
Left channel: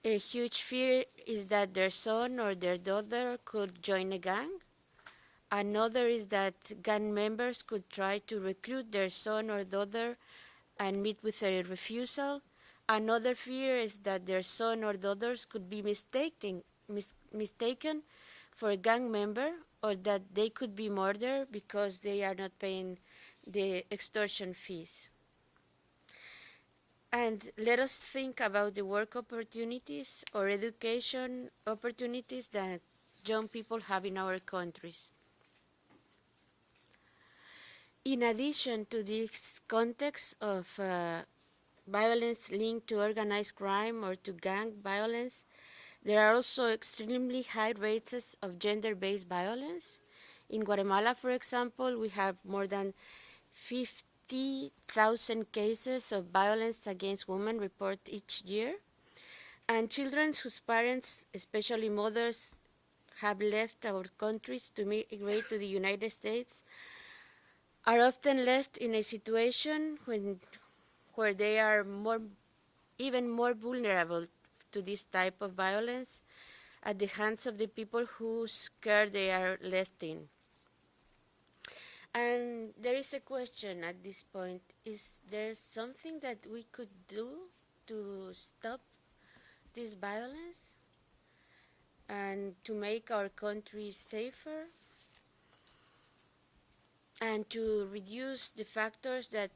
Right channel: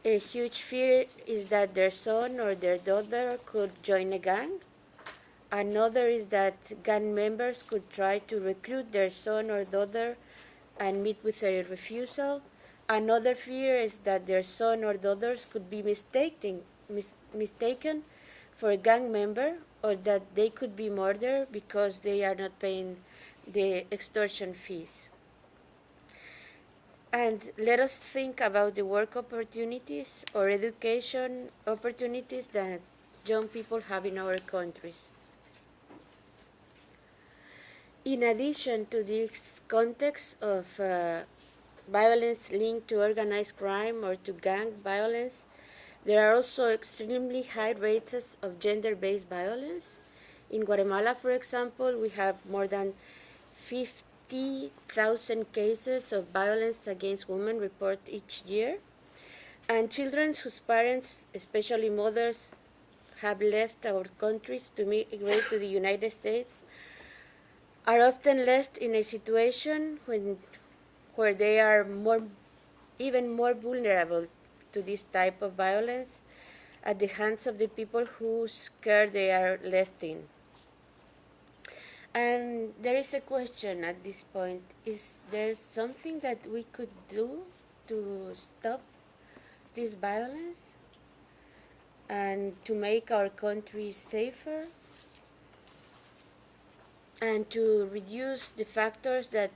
A huge fear is that their son or their daughter could join a gang. Another is that gang members could try to recruit their son or daughter and meet with a refusal. Another fear is that their son or daughters could be mistaken for a gang member, or that they could be murdered because they are not paying the extortion fees. And let us think about the work opportunities or education opportunities that young people have in our countries. In addition to this context of violence linked to organized crime or to gang violence, there are also extremely high rates of gender-based violence. In Guatemala, for example, we have more than 50,000 cases of violence against women reported each year. And children whose parents, especially mothers, have left our countries to migrate to the United States are often left in a situation where they are even more vulnerable to this type of violence at the hands of the people whose care they are left in. And there is a question at this point: is there something that we could do to stop this violence and to make our country safer, and to reduce the factors that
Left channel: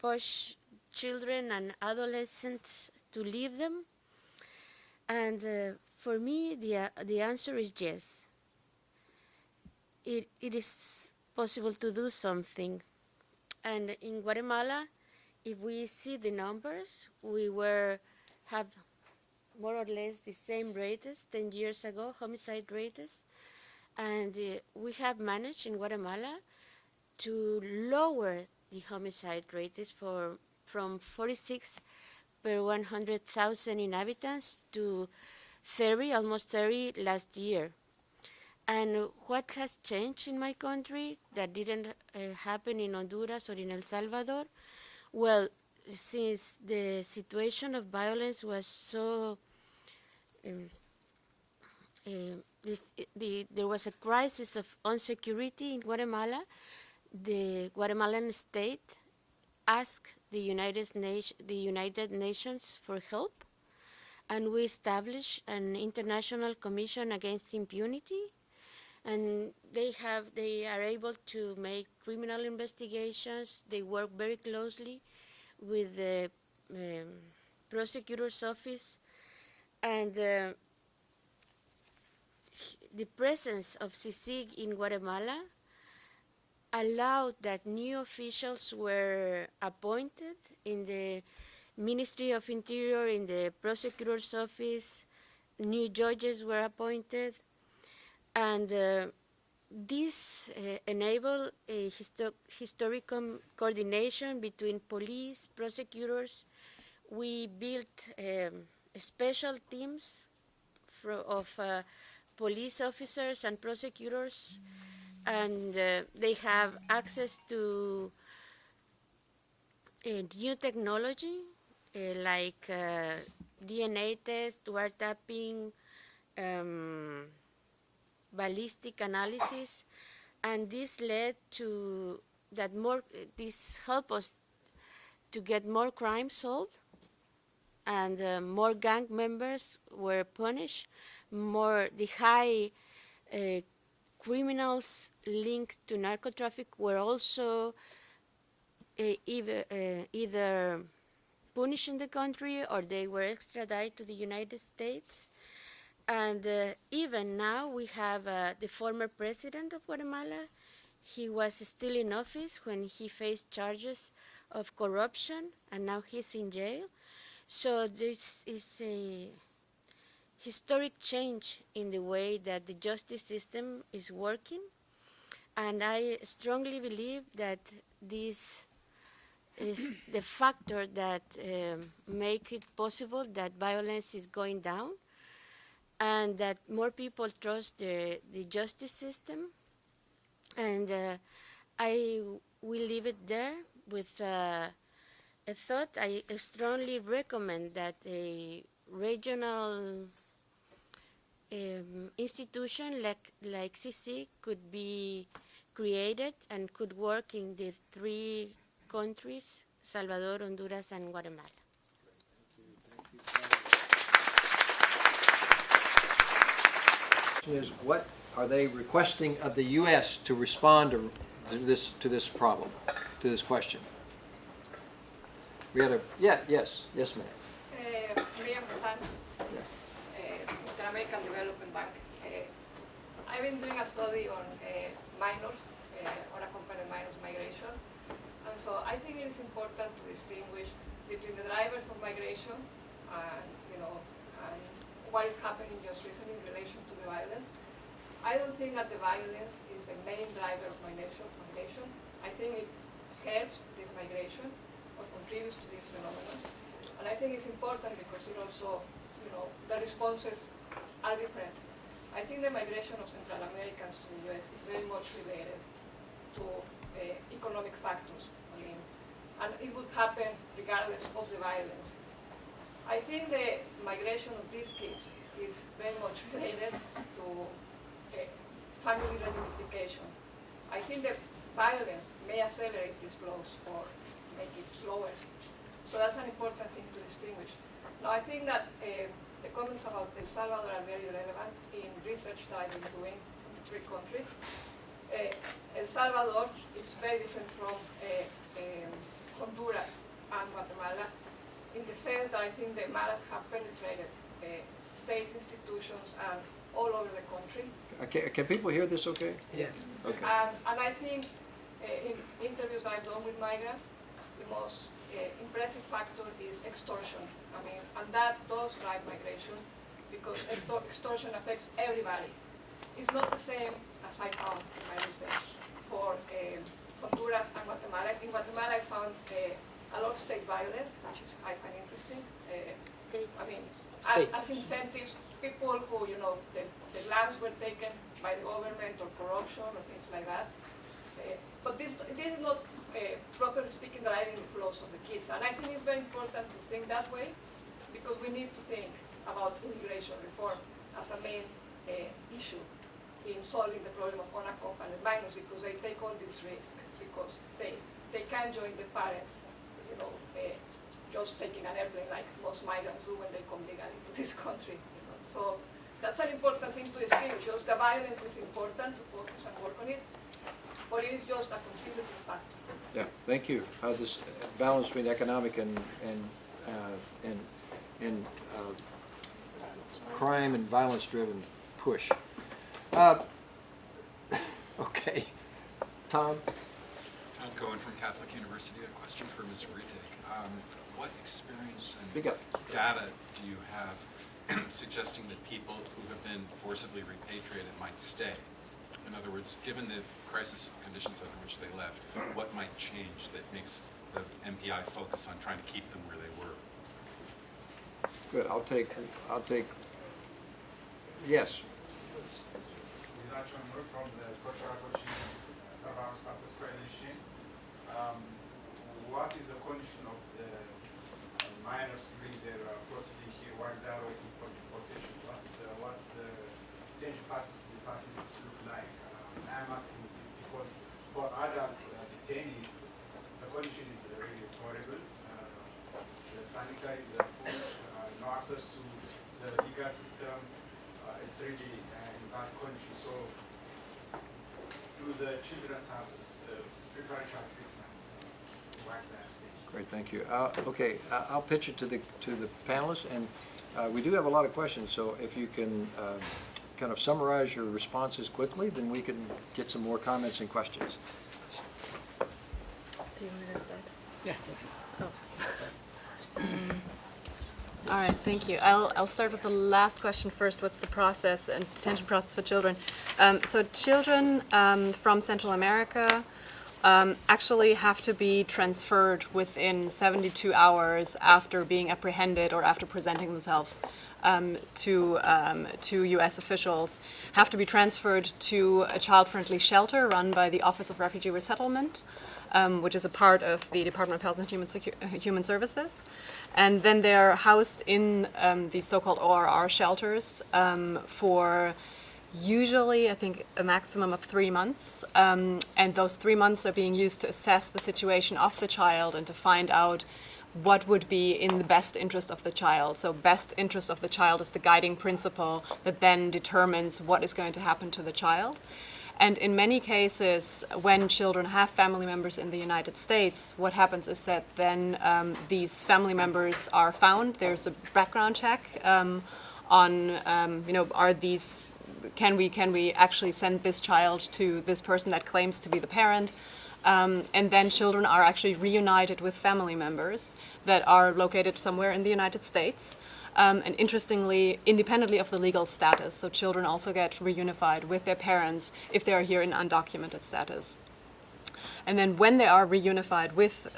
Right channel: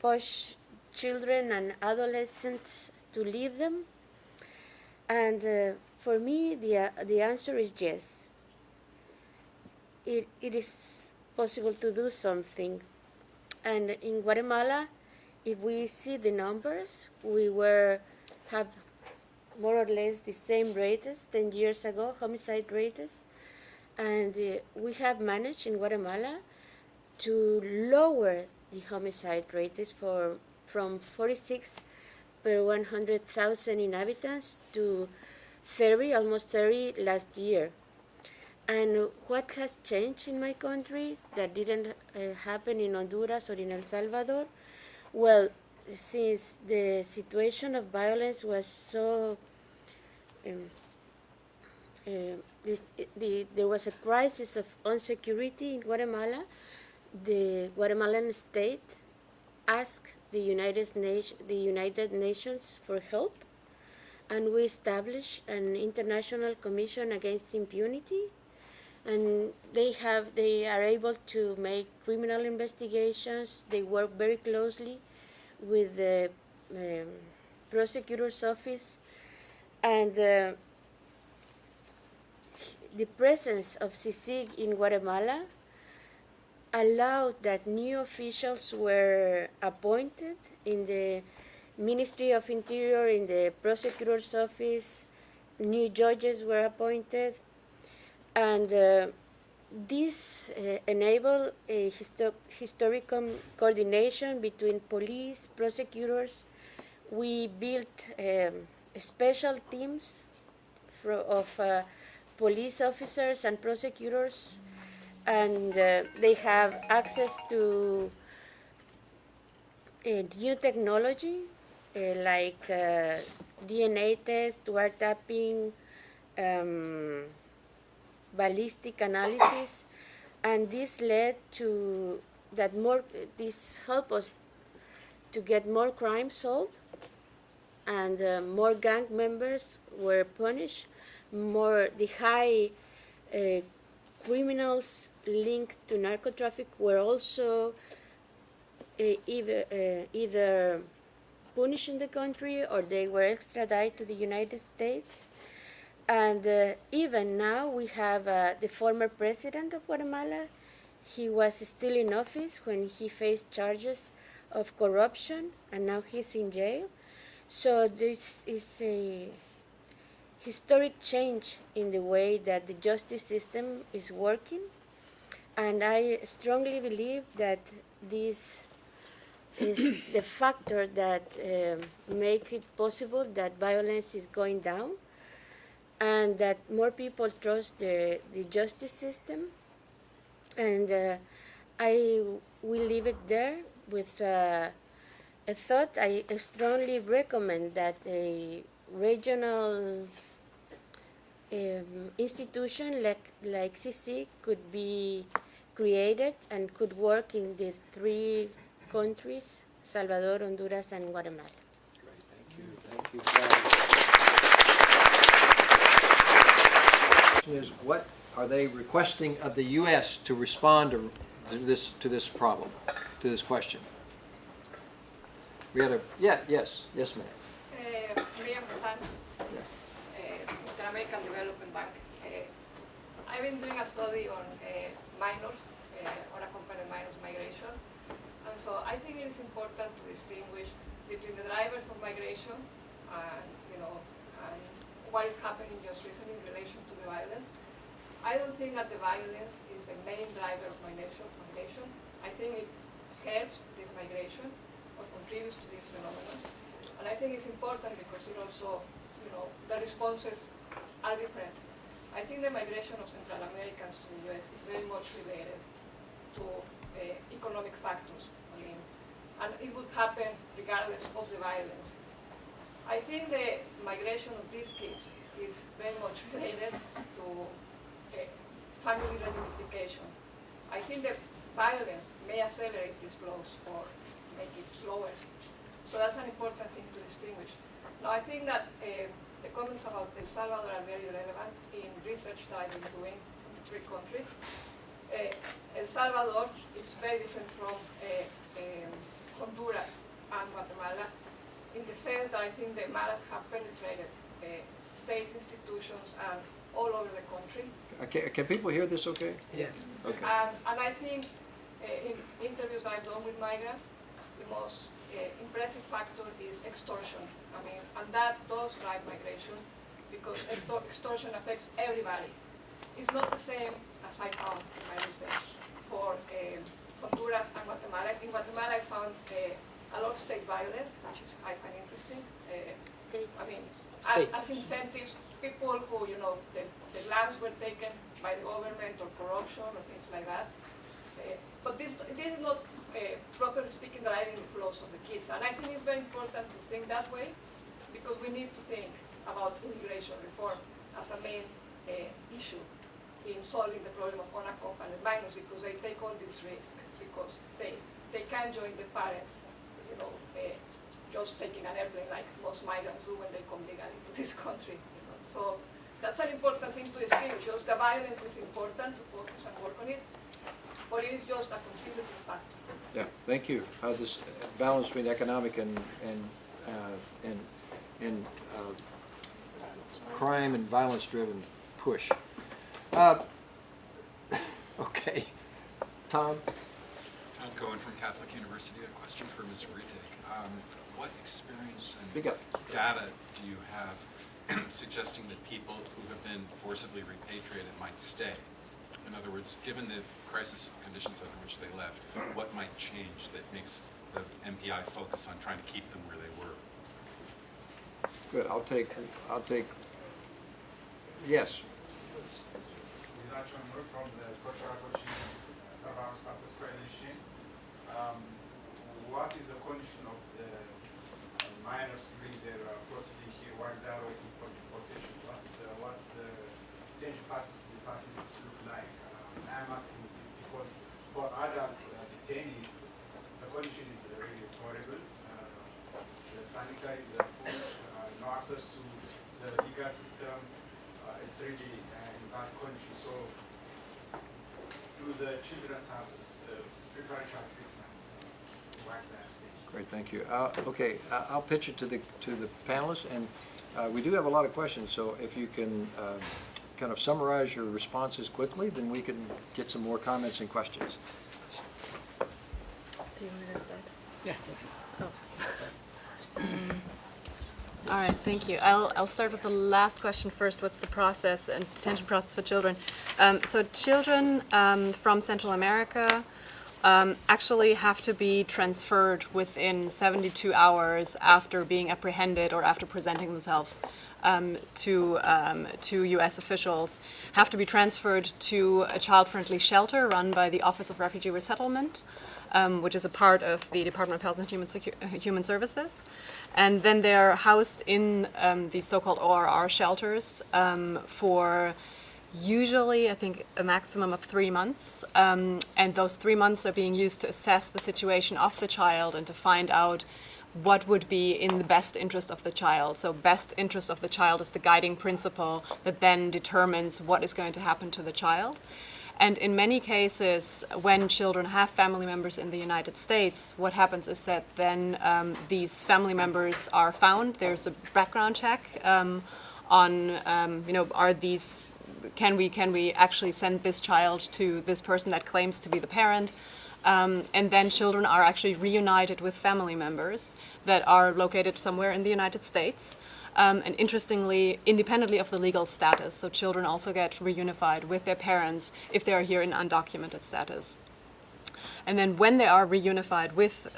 push children and adolescents to leave them? And for me, the answer is yes. It is possible to do something. And in Guatemala, if we see the numbers, we have more or less the same rates 10 years ago, homicide rates. And we have managed in Guatemala to lower the homicide rates from 46 per 100,000 inhabitants to 30, almost 30 last year. And what has changed in my country that didn't happen in Honduras or in El Salvador? Well, since the situation of violence was so there was a crisis of insecurity in Guatemala, the Guatemalan state asked the United Nations for help, and we established an international commission against impunity, and they are able to make criminal investigations. They work very closely with the prosecutor's office, and the presence of CICIG in Guatemala allowed that new officials were appointed in the Ministry of Interior, in the prosecutor's office. New judges were appointed, and this enabled a historical coordination between police, prosecutors. We built special teams of police officers and prosecutors, and they have access to new technology like DNA test, wiretapping, ballistic analysis, and this led to this helped us to get more crime solved, and more gang members were punished. The high criminals linked to narcotraffic were also either punished in the country or they were extradited to the United States. And even now we have the former president of Guatemala. He was still in office when he faced charges of corruption, and now he's in jail. So this is a historic change in the way that the justice system is working, and I strongly believe that this is the factor that make it possible that violence is going down and that more people trust the justice system. And I will leave it there with a thought. I strongly recommend that a regional institution like CC could be created and could work in the 3 countries, Salvador, Honduras, and Guatemala. Thank you. Is what are they requesting of the U.S. to respond to this problem, to this question? We had a yes, ma'am. Miriam Hassan, Yes. Inter-American Development Bank. I've been doing a study on minors, unaccompanied minors migration, and so I think it is important to distinguish between the drivers of migration and and what is happening just recently in relation to the violence. I don't think that the violence is the main driver of migration. I think it helps this migration or contributes to this phenomenon. And I think it's important because it also, the responses are different. I think the migration of Central Americans to the US is very much related to economic factors. And it would happen regardless of the violence. I think the migration of these kids is very much related to family reunification. I think the violence may accelerate these flows or make it slower. So that's an important thing to distinguish. Now, I think that the comments about El Salvador are very relevant in research that I've been doing in the 3 countries. El Salvador is very different from Honduras and Guatemala in the sense that I think the maras have penetrated state institutions and all over the country. Can people hear this okay? Yes. Okay. And I think in interviews that I've done with migrants, the most impressive factor is extortion. And that does drive migration because extortion affects everybody. It's not the same as I found in my research for Honduras and Guatemala. In Guatemala, I found a lot of state violence, which is I find interesting. As incentives, people who, the lands were taken by the government or corruption or things like that. But this is not, properly speaking, driving the flows of the kids. And I think it's very important to think that way because we need to think about immigration reform as a main issue in solving the problem of unaccompanied minors because they take all this risk because they can't join the parents, just taking an airplane like most migrants do when they come legally to this country. So that's an important thing to distinguish. Just the violence is important to focus and work on it, but it is just a contributing factor. Yeah, thank you. This balance between economic and crime and violence-driven push. Okay, Tom. Tom Cohen from Catholic University. A question for Ms. Rettig. What experience Speak and up. data do you have suggesting that people who have been forcibly repatriated might stay? In other words, given the crisis conditions under which they left, what might change that makes the MPI focus on trying to keep them where they were? Good. I'll take. Yes. From the Cultural Survival Support Coalition. What is the condition of the minors during their proceeding here? What is their waiting for deportation? What the detention facilities look like? I'm asking this because for adult detainees, the condition is really horrible. The sanitary, the food, no access to the legal system. It's really in bad condition. So do the children have preferential treatment? Great, thank you. Okay, I'll pitch it to the panelists, and we do have a lot of questions. So if you can kind of summarize your responses quickly, then we can get some more comments and questions. Do you want me to start? Yeah. All right, thank you. I'll start with the last question first. What's the process and detention process for children? So children from Central America actually have to be transferred within 72 hours after being apprehended or after presenting themselves to U.S. officials, have to be transferred to a child-friendly shelter run by the Office of Refugee Resettlement, which is a part of the Department of Health and Human Services. And then they're housed in these so-called ORR shelters for usually, I think, a maximum of 3 months. And those 3 months are being used to assess the situation of the child and to find out what would be in the best interest of the child. So best interest of the child is the guiding principle that then determines what is going to happen to the child. And in many cases, when children have family members in the United States, what happens is that then these family members are found. There's a background check on, are these, can we actually send this child to this person that claims to be the parent? And then children are actually reunited with family members that are located somewhere in the United States. And interestingly, independently of the legal status, so children also get reunified with their parents if they are here in undocumented status. And then when they are reunified with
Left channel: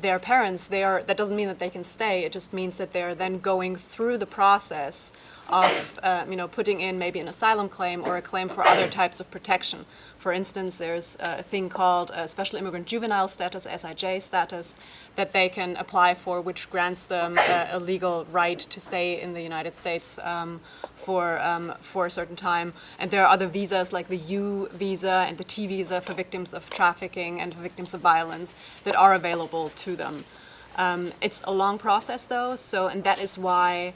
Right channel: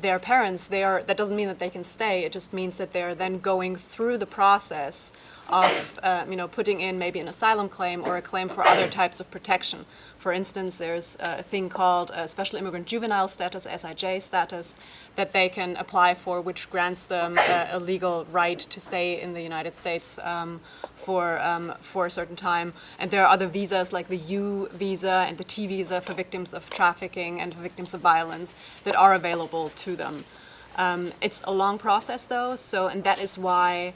their parents, that doesn't mean that they can stay. It just means that they're then going through the process of putting in maybe an asylum claim or a claim for other types of protection. For instance, there's a thing called Special Immigrant Juvenile Status, SIJ status, that they can apply for, which grants them a legal right to stay in the United States for a certain time. And there are other visas like the U visa and the T visa for victims of trafficking and victims of violence that are available to them. It's a long process though, and that is why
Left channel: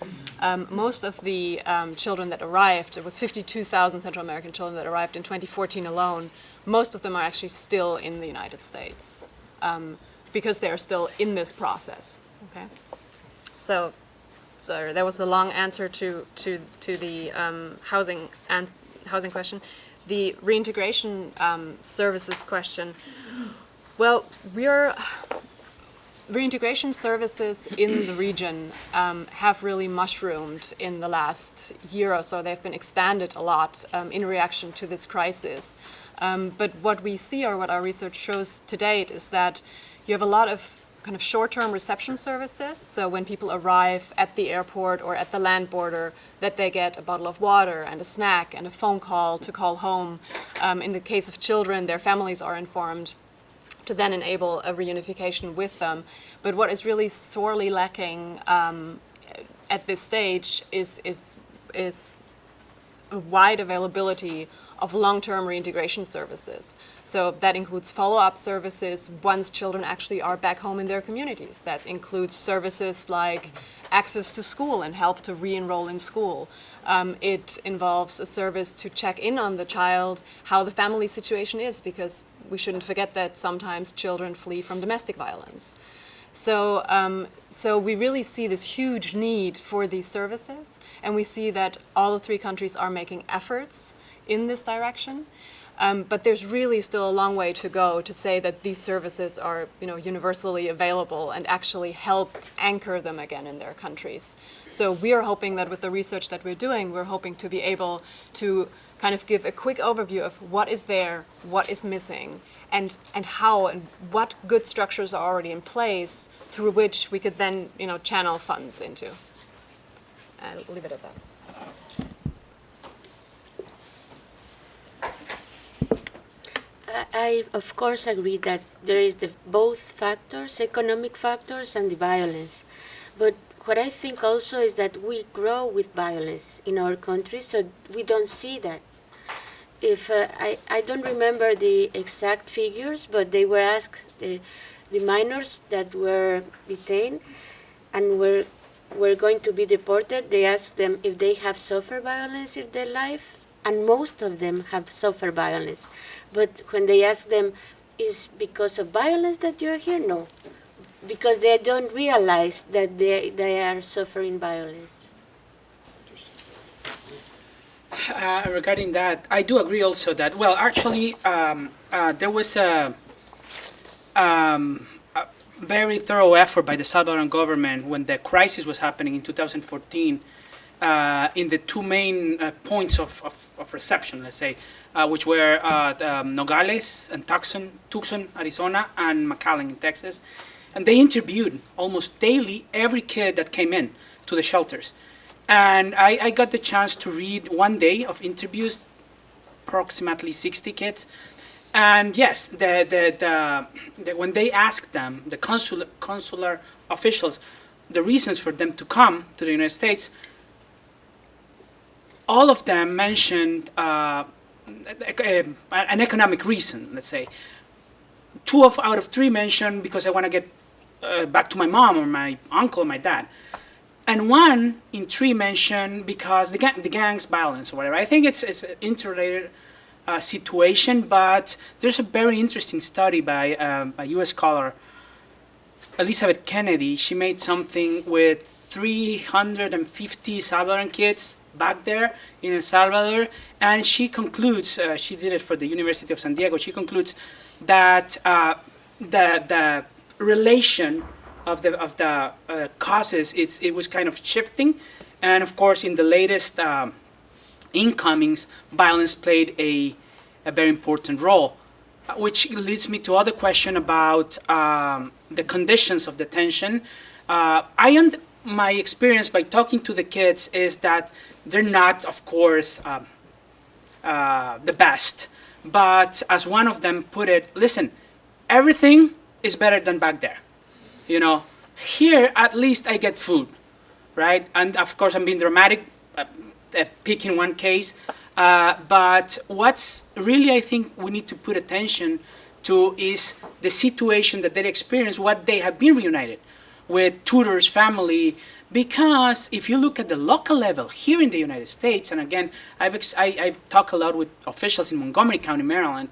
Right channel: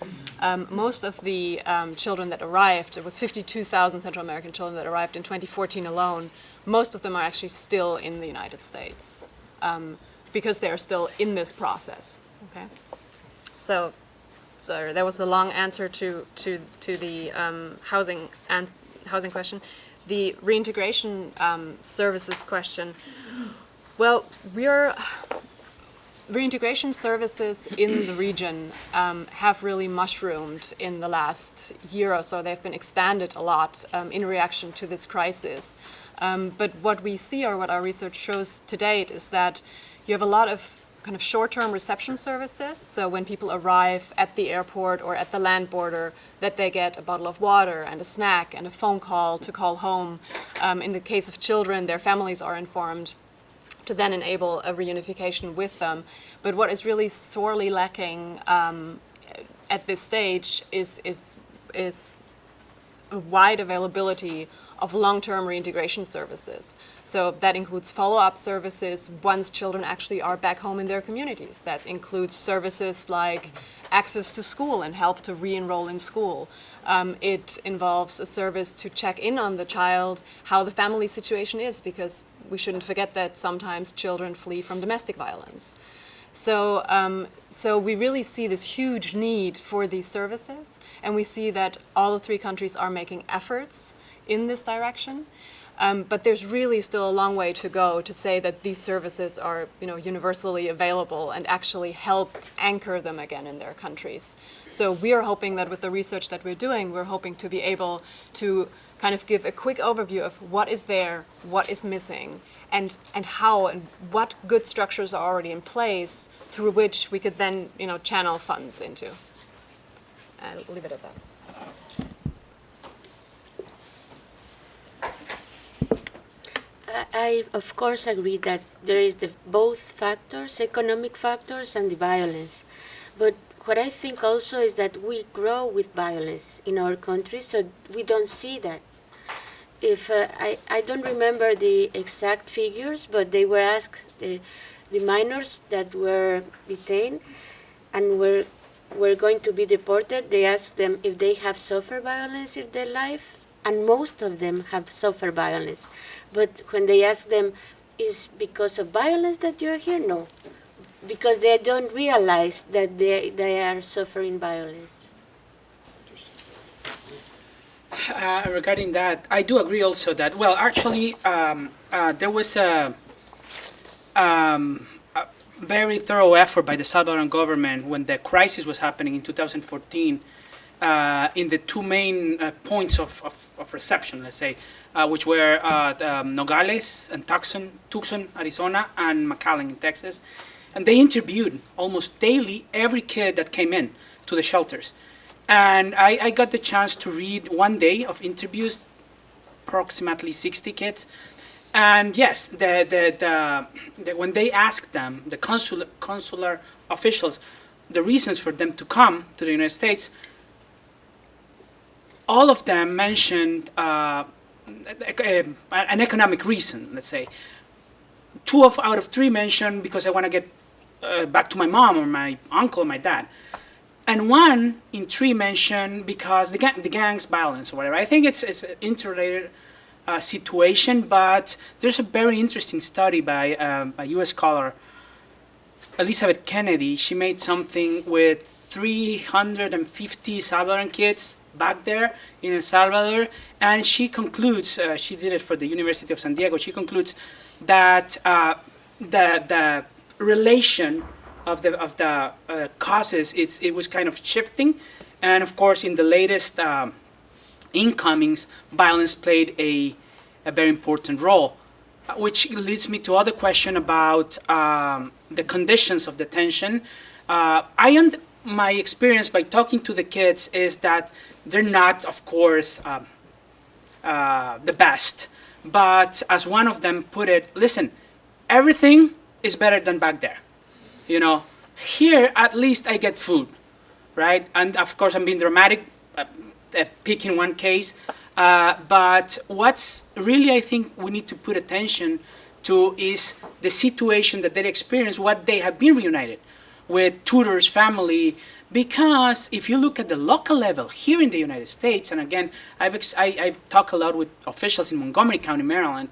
most of the children that arrived, it was 52,000 Central American children that arrived in 2014 alone, most of them are actually still in the United States because they're still in this process, okay? So that was the long answer to the housing question. The reintegration services question, well, reintegration services in the region have really mushroomed in the last year or so. They've been expanded a lot in reaction to this crisis. But what we see, or what our research shows to date, is that you have a lot of kind of short-term reception services. So when people arrive at the airport or at the land border, that they get a bottle of water and a snack and a phone call to call home. In the case of children, their families are informed to then enable a reunification with them. But what is really sorely lacking at this stage is a wide availability of long-term reintegration services. So that includes follow-up services once children actually are back home in their communities. That includes services like access to school and help to re-enroll in school. It involves a service to check in on the child, how the family situation is, because we shouldn't forget that sometimes children flee from domestic violence. So we really see this huge need for these services, and we see that all the three countries are making efforts in this direction. But there's really still a long way to go to say that these services are, universally available and actually help anchor them again in their countries. So we are hoping that with the research that we're doing, we're hoping to be able to kind of give a quick overview of what is there, what is missing, and how and what good structures are already in place through which we could then, channel funds into. I'll leave it at that. I, of course, agree that there is both factors, economic factors and the violence. But what I think also is that we grow with violence in our country, so we don't see that. If I don't remember the exact figures, but they were asked, the minors that were detained and were going to be deported, they asked them if they have suffered violence in their life, and most of them have suffered violence. But when they ask them, is because of violence that you're here? No, because they don't realize that they are suffering violence. Regarding that, I do agree also that, well, actually, there was very thorough effort by the Salvadoran government when the crisis was happening in 2014 in the two main points of reception, let's say, which were Nogales and Tucson, Arizona, and McAllen in Texas. And they interviewed almost daily every kid that came in to the shelters. And I got the chance to read one day of interviews, approximately 60 kids. And yes, when they asked them, the consular officials, the reasons for them to come to the United States, all of them mentioned an economic reason, let's say. Out of three mentioned because I want to get back to my mom or my uncle or my dad. And one in three mentioned because the gang's violence or whatever. I think it's an interrelated situation, but there's a very interesting study by a U.S. scholar, Elizabeth Kennedy. She made something with 350 Salvadoran kids back there in El Salvador, and she concludes, she did it for the University of San Diego, she concludes that the relation of the causes, it was kind of shifting, and of course in the latest incomings, violence played a very important role, which leads me to other question about the conditions of detention. My experience by talking to the kids is that they're not, of course, the best, but as one of them put it, listen, everything is better than back there. You know, here at least I get food, right? And of course I'm being dramatic, picking one case, but what's really I think we need to put attention to is the situation that they experience, what they have been reunited with tutors, family, because if you look at the local level here in the United States, and again, I've talked a lot with officials in Montgomery County, Maryland,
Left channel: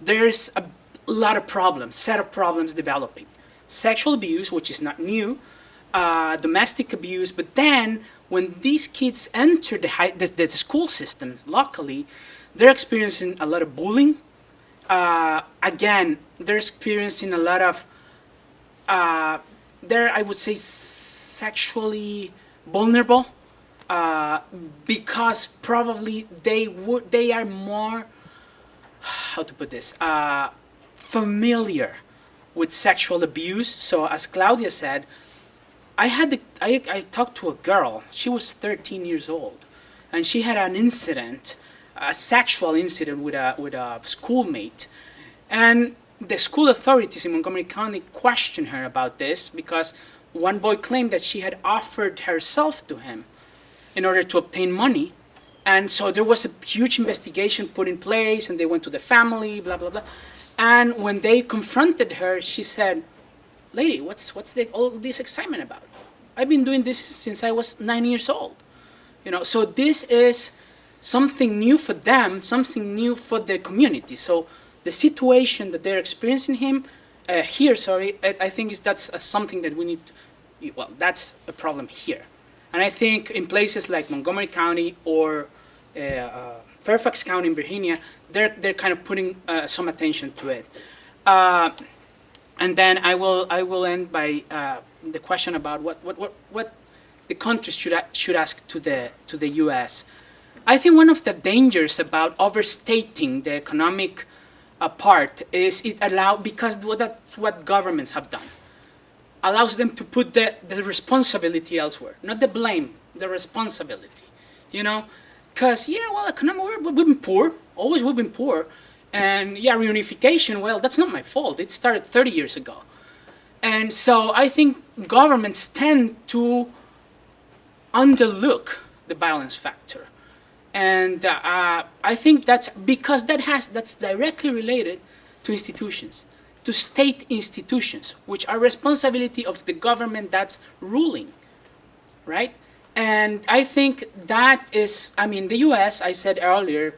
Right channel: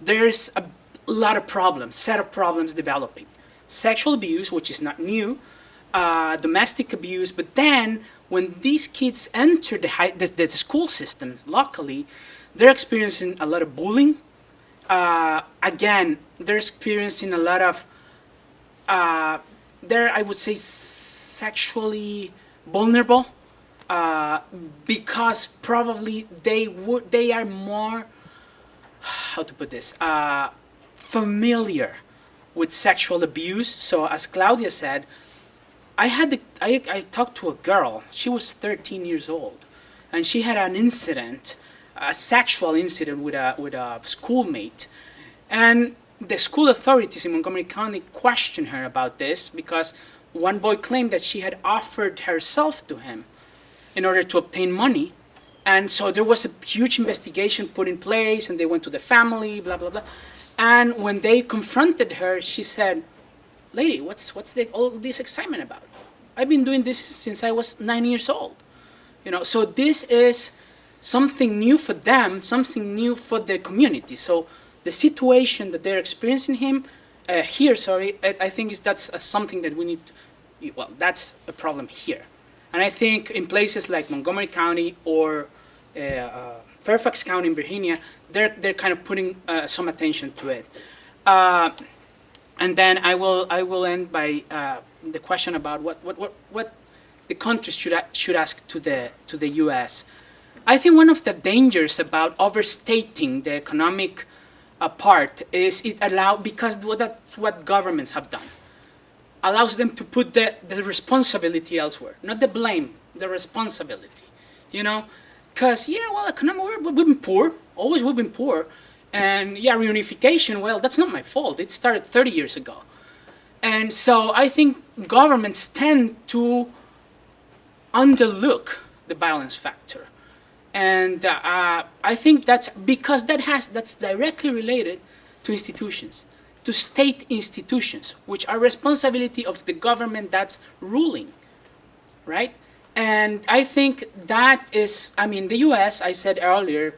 there's a lot of problems, set of problems developing. Sexual abuse, which is not new, domestic abuse, but then when these kids enter the school systems locally, they're experiencing a lot of bullying. Again, they're experiencing a lot of, they're, I would say, sexually vulnerable because probably they are more, how to put this, familiar with sexual abuse. So as Claudia said, I talked to a girl, she was 13 years old, and she had an incident, a sexual incident with a schoolmate. And the school authorities in Montgomery County questioned her about this because one boy claimed that she had offered herself to him in order to obtain money. And so there was a huge investigation put in place, and they went to the family, blah, blah, blah. And when they confronted her, she said, lady, what's all this excitement about? I've been doing this since I was 9 years old. You know, so this is something new for them, something new for the community. So the situation that they're experiencing I think that's something that we need to, well, that's a problem here. And I think in places like Montgomery County or Fairfax County in Virginia, they're kind of putting some attention to it. And then I will end by the question about what the countries should ask to the U.S. I think one of the dangers about overstating the economic part is because that's what governments have done, allows them to put the responsibility elsewhere, not the blame, the responsibility, you know, because we've been poor, always we've been poor, and reunification, well, that's not my fault, it started 30 years ago. And so I think governments tend to underlook the violence factor. And I think that's because that's directly related to institutions, to state institutions, which are responsibility of the government that's ruling, right? And I think that is, the U.S., I said earlier,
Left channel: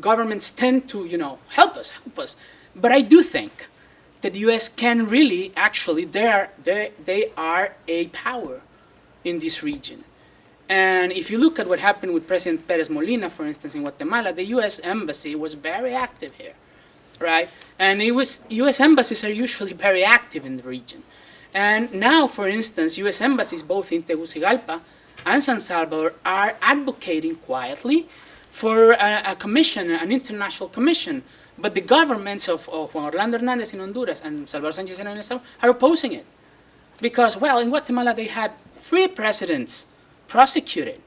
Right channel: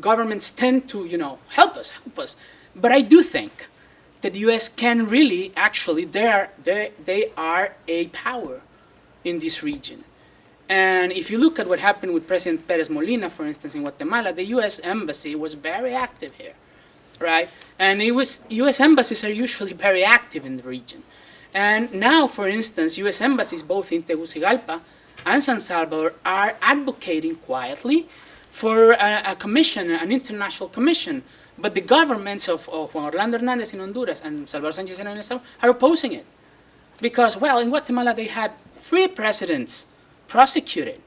governments tend to, help us. But I do think that the U.S. can really, actually, they are a power in this region. And if you look at what happened with President Perez Molina, for instance, in Guatemala, the U.S. Embassy was very active here. right? And U.S. embassies are usually very active in the region. And now, for instance, U.S. embassies both in Tegucigalpa and San Salvador are advocating quietly for a commission, an international commission. But the governments of Juan Orlando Hernandez in Honduras and Salvador Sanchez in El Salvador are opposing it. Because, well, in Guatemala they had 3 presidents prosecuted.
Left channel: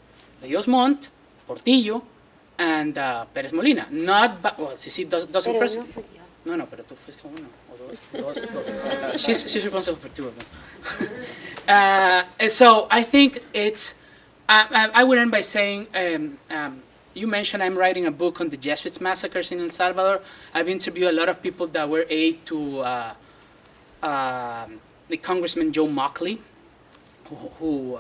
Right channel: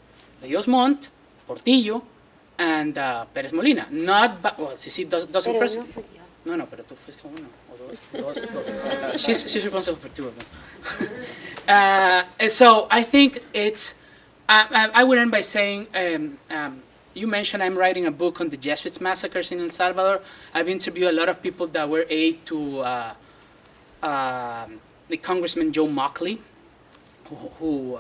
Leos Montt, Portillo, and Pérez Molina. Well, Sisi doesn't prosecute. No, pero tú fuiste uno o dos. She's responsible for 2 of them. So I think it's, I would end by saying, you mentioned I'm writing a book on the Jesuits massacres in El Salvador. I've interviewed a lot of people that were aide to the Congressman Joe Mockley, who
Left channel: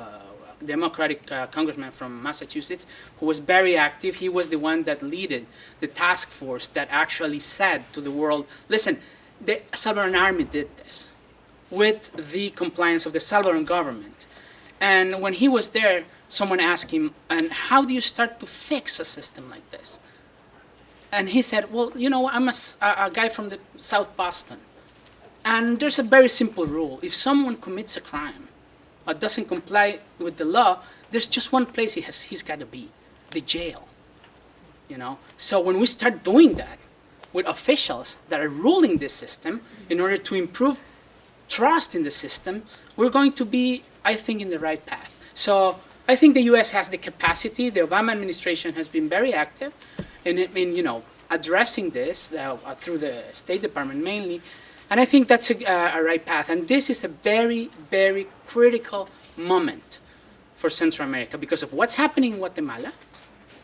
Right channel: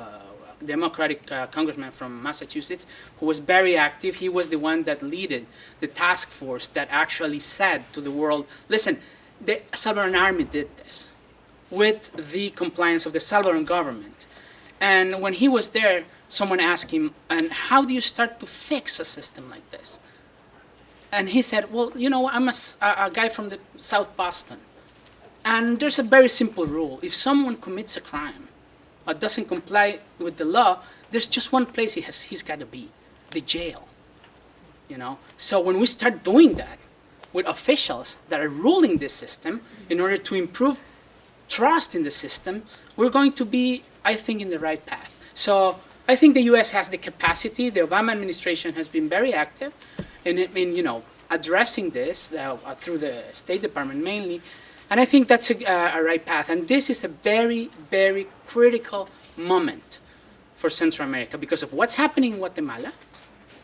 Democratic congressman from Massachusetts, who was very active. He was the one that led the task force that actually said to the world, listen, the Salvadoran army did this with the compliance of the Salvadoran government. And when he was there, someone asked him, and how do you start to fix a system like this? And he said, well, you know, I'm a guy from the South Boston. And there's a very simple rule. If someone commits a crime or doesn't comply with the law, there's just one place he's got to be, the jail. You know? So when we start doing that with officials that are ruling this system in order to improve trust in the system, we're going to be, I think, in the right path. So I think the U.S. has the capacity. The Obama administration has been very active in you know, addressing this through the State Department mainly. And I think that's a right path. And this is a very, very critical moment for Central America because of what's happening in Guatemala,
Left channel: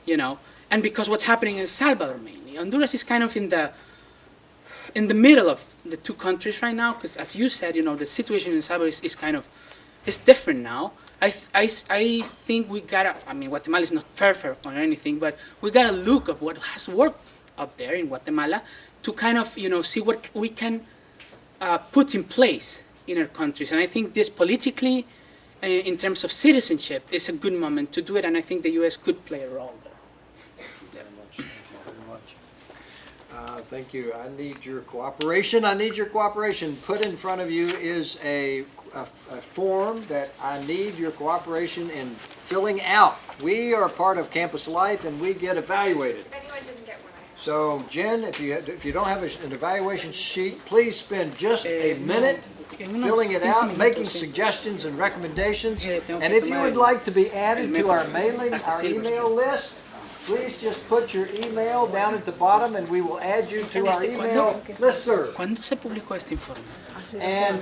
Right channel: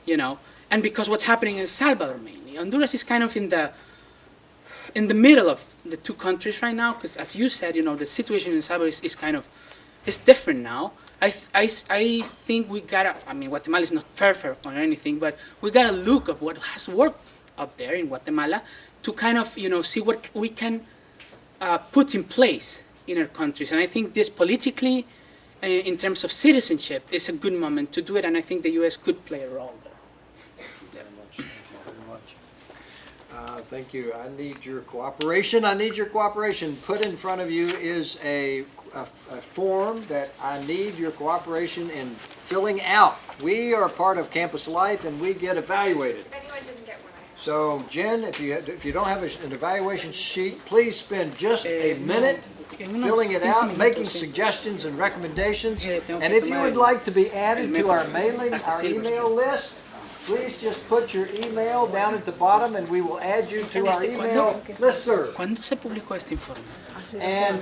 you know, and because what's happening in El Salvador mainly. Honduras is kind of in the middle of the 2 countries right now because, as you said, you know, the situation in El Salvador is kind of, it's different now. I think we gotta, I mean, Guatemala is not perfect or anything, but we gotta look at what has worked up there in Guatemala to kind of, you know, see what we can put in place in our countries. And I think this politically, in terms of citizenship, is a good moment to do it, and I think the U.S. could play a role there. Thank you. I need your cooperation. Put in front of you is a form that I need your cooperation in filling out. We are part of Campus Life and we get evaluated. Anyone didn't get one? So Jen, if you don't have an evaluation sheet, please spend just a minute filling it out, making suggestions and recommendations. And if you would like to be added to our email list, please just put your email down at the bottom and we will add you to our email listserv. ¿Cuándo se publicó este informe? And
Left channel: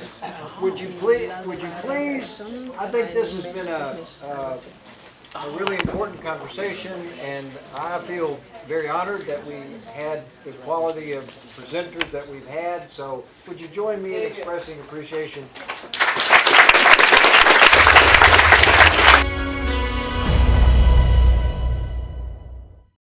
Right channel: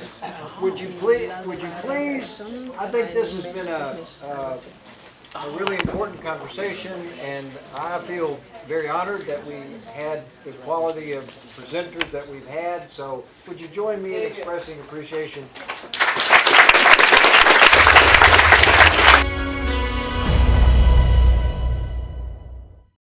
would you please, I think this has been a really important conversation, and I feel very honored that we had the quality of presenters that we've had. So would you join me in expressing appreciation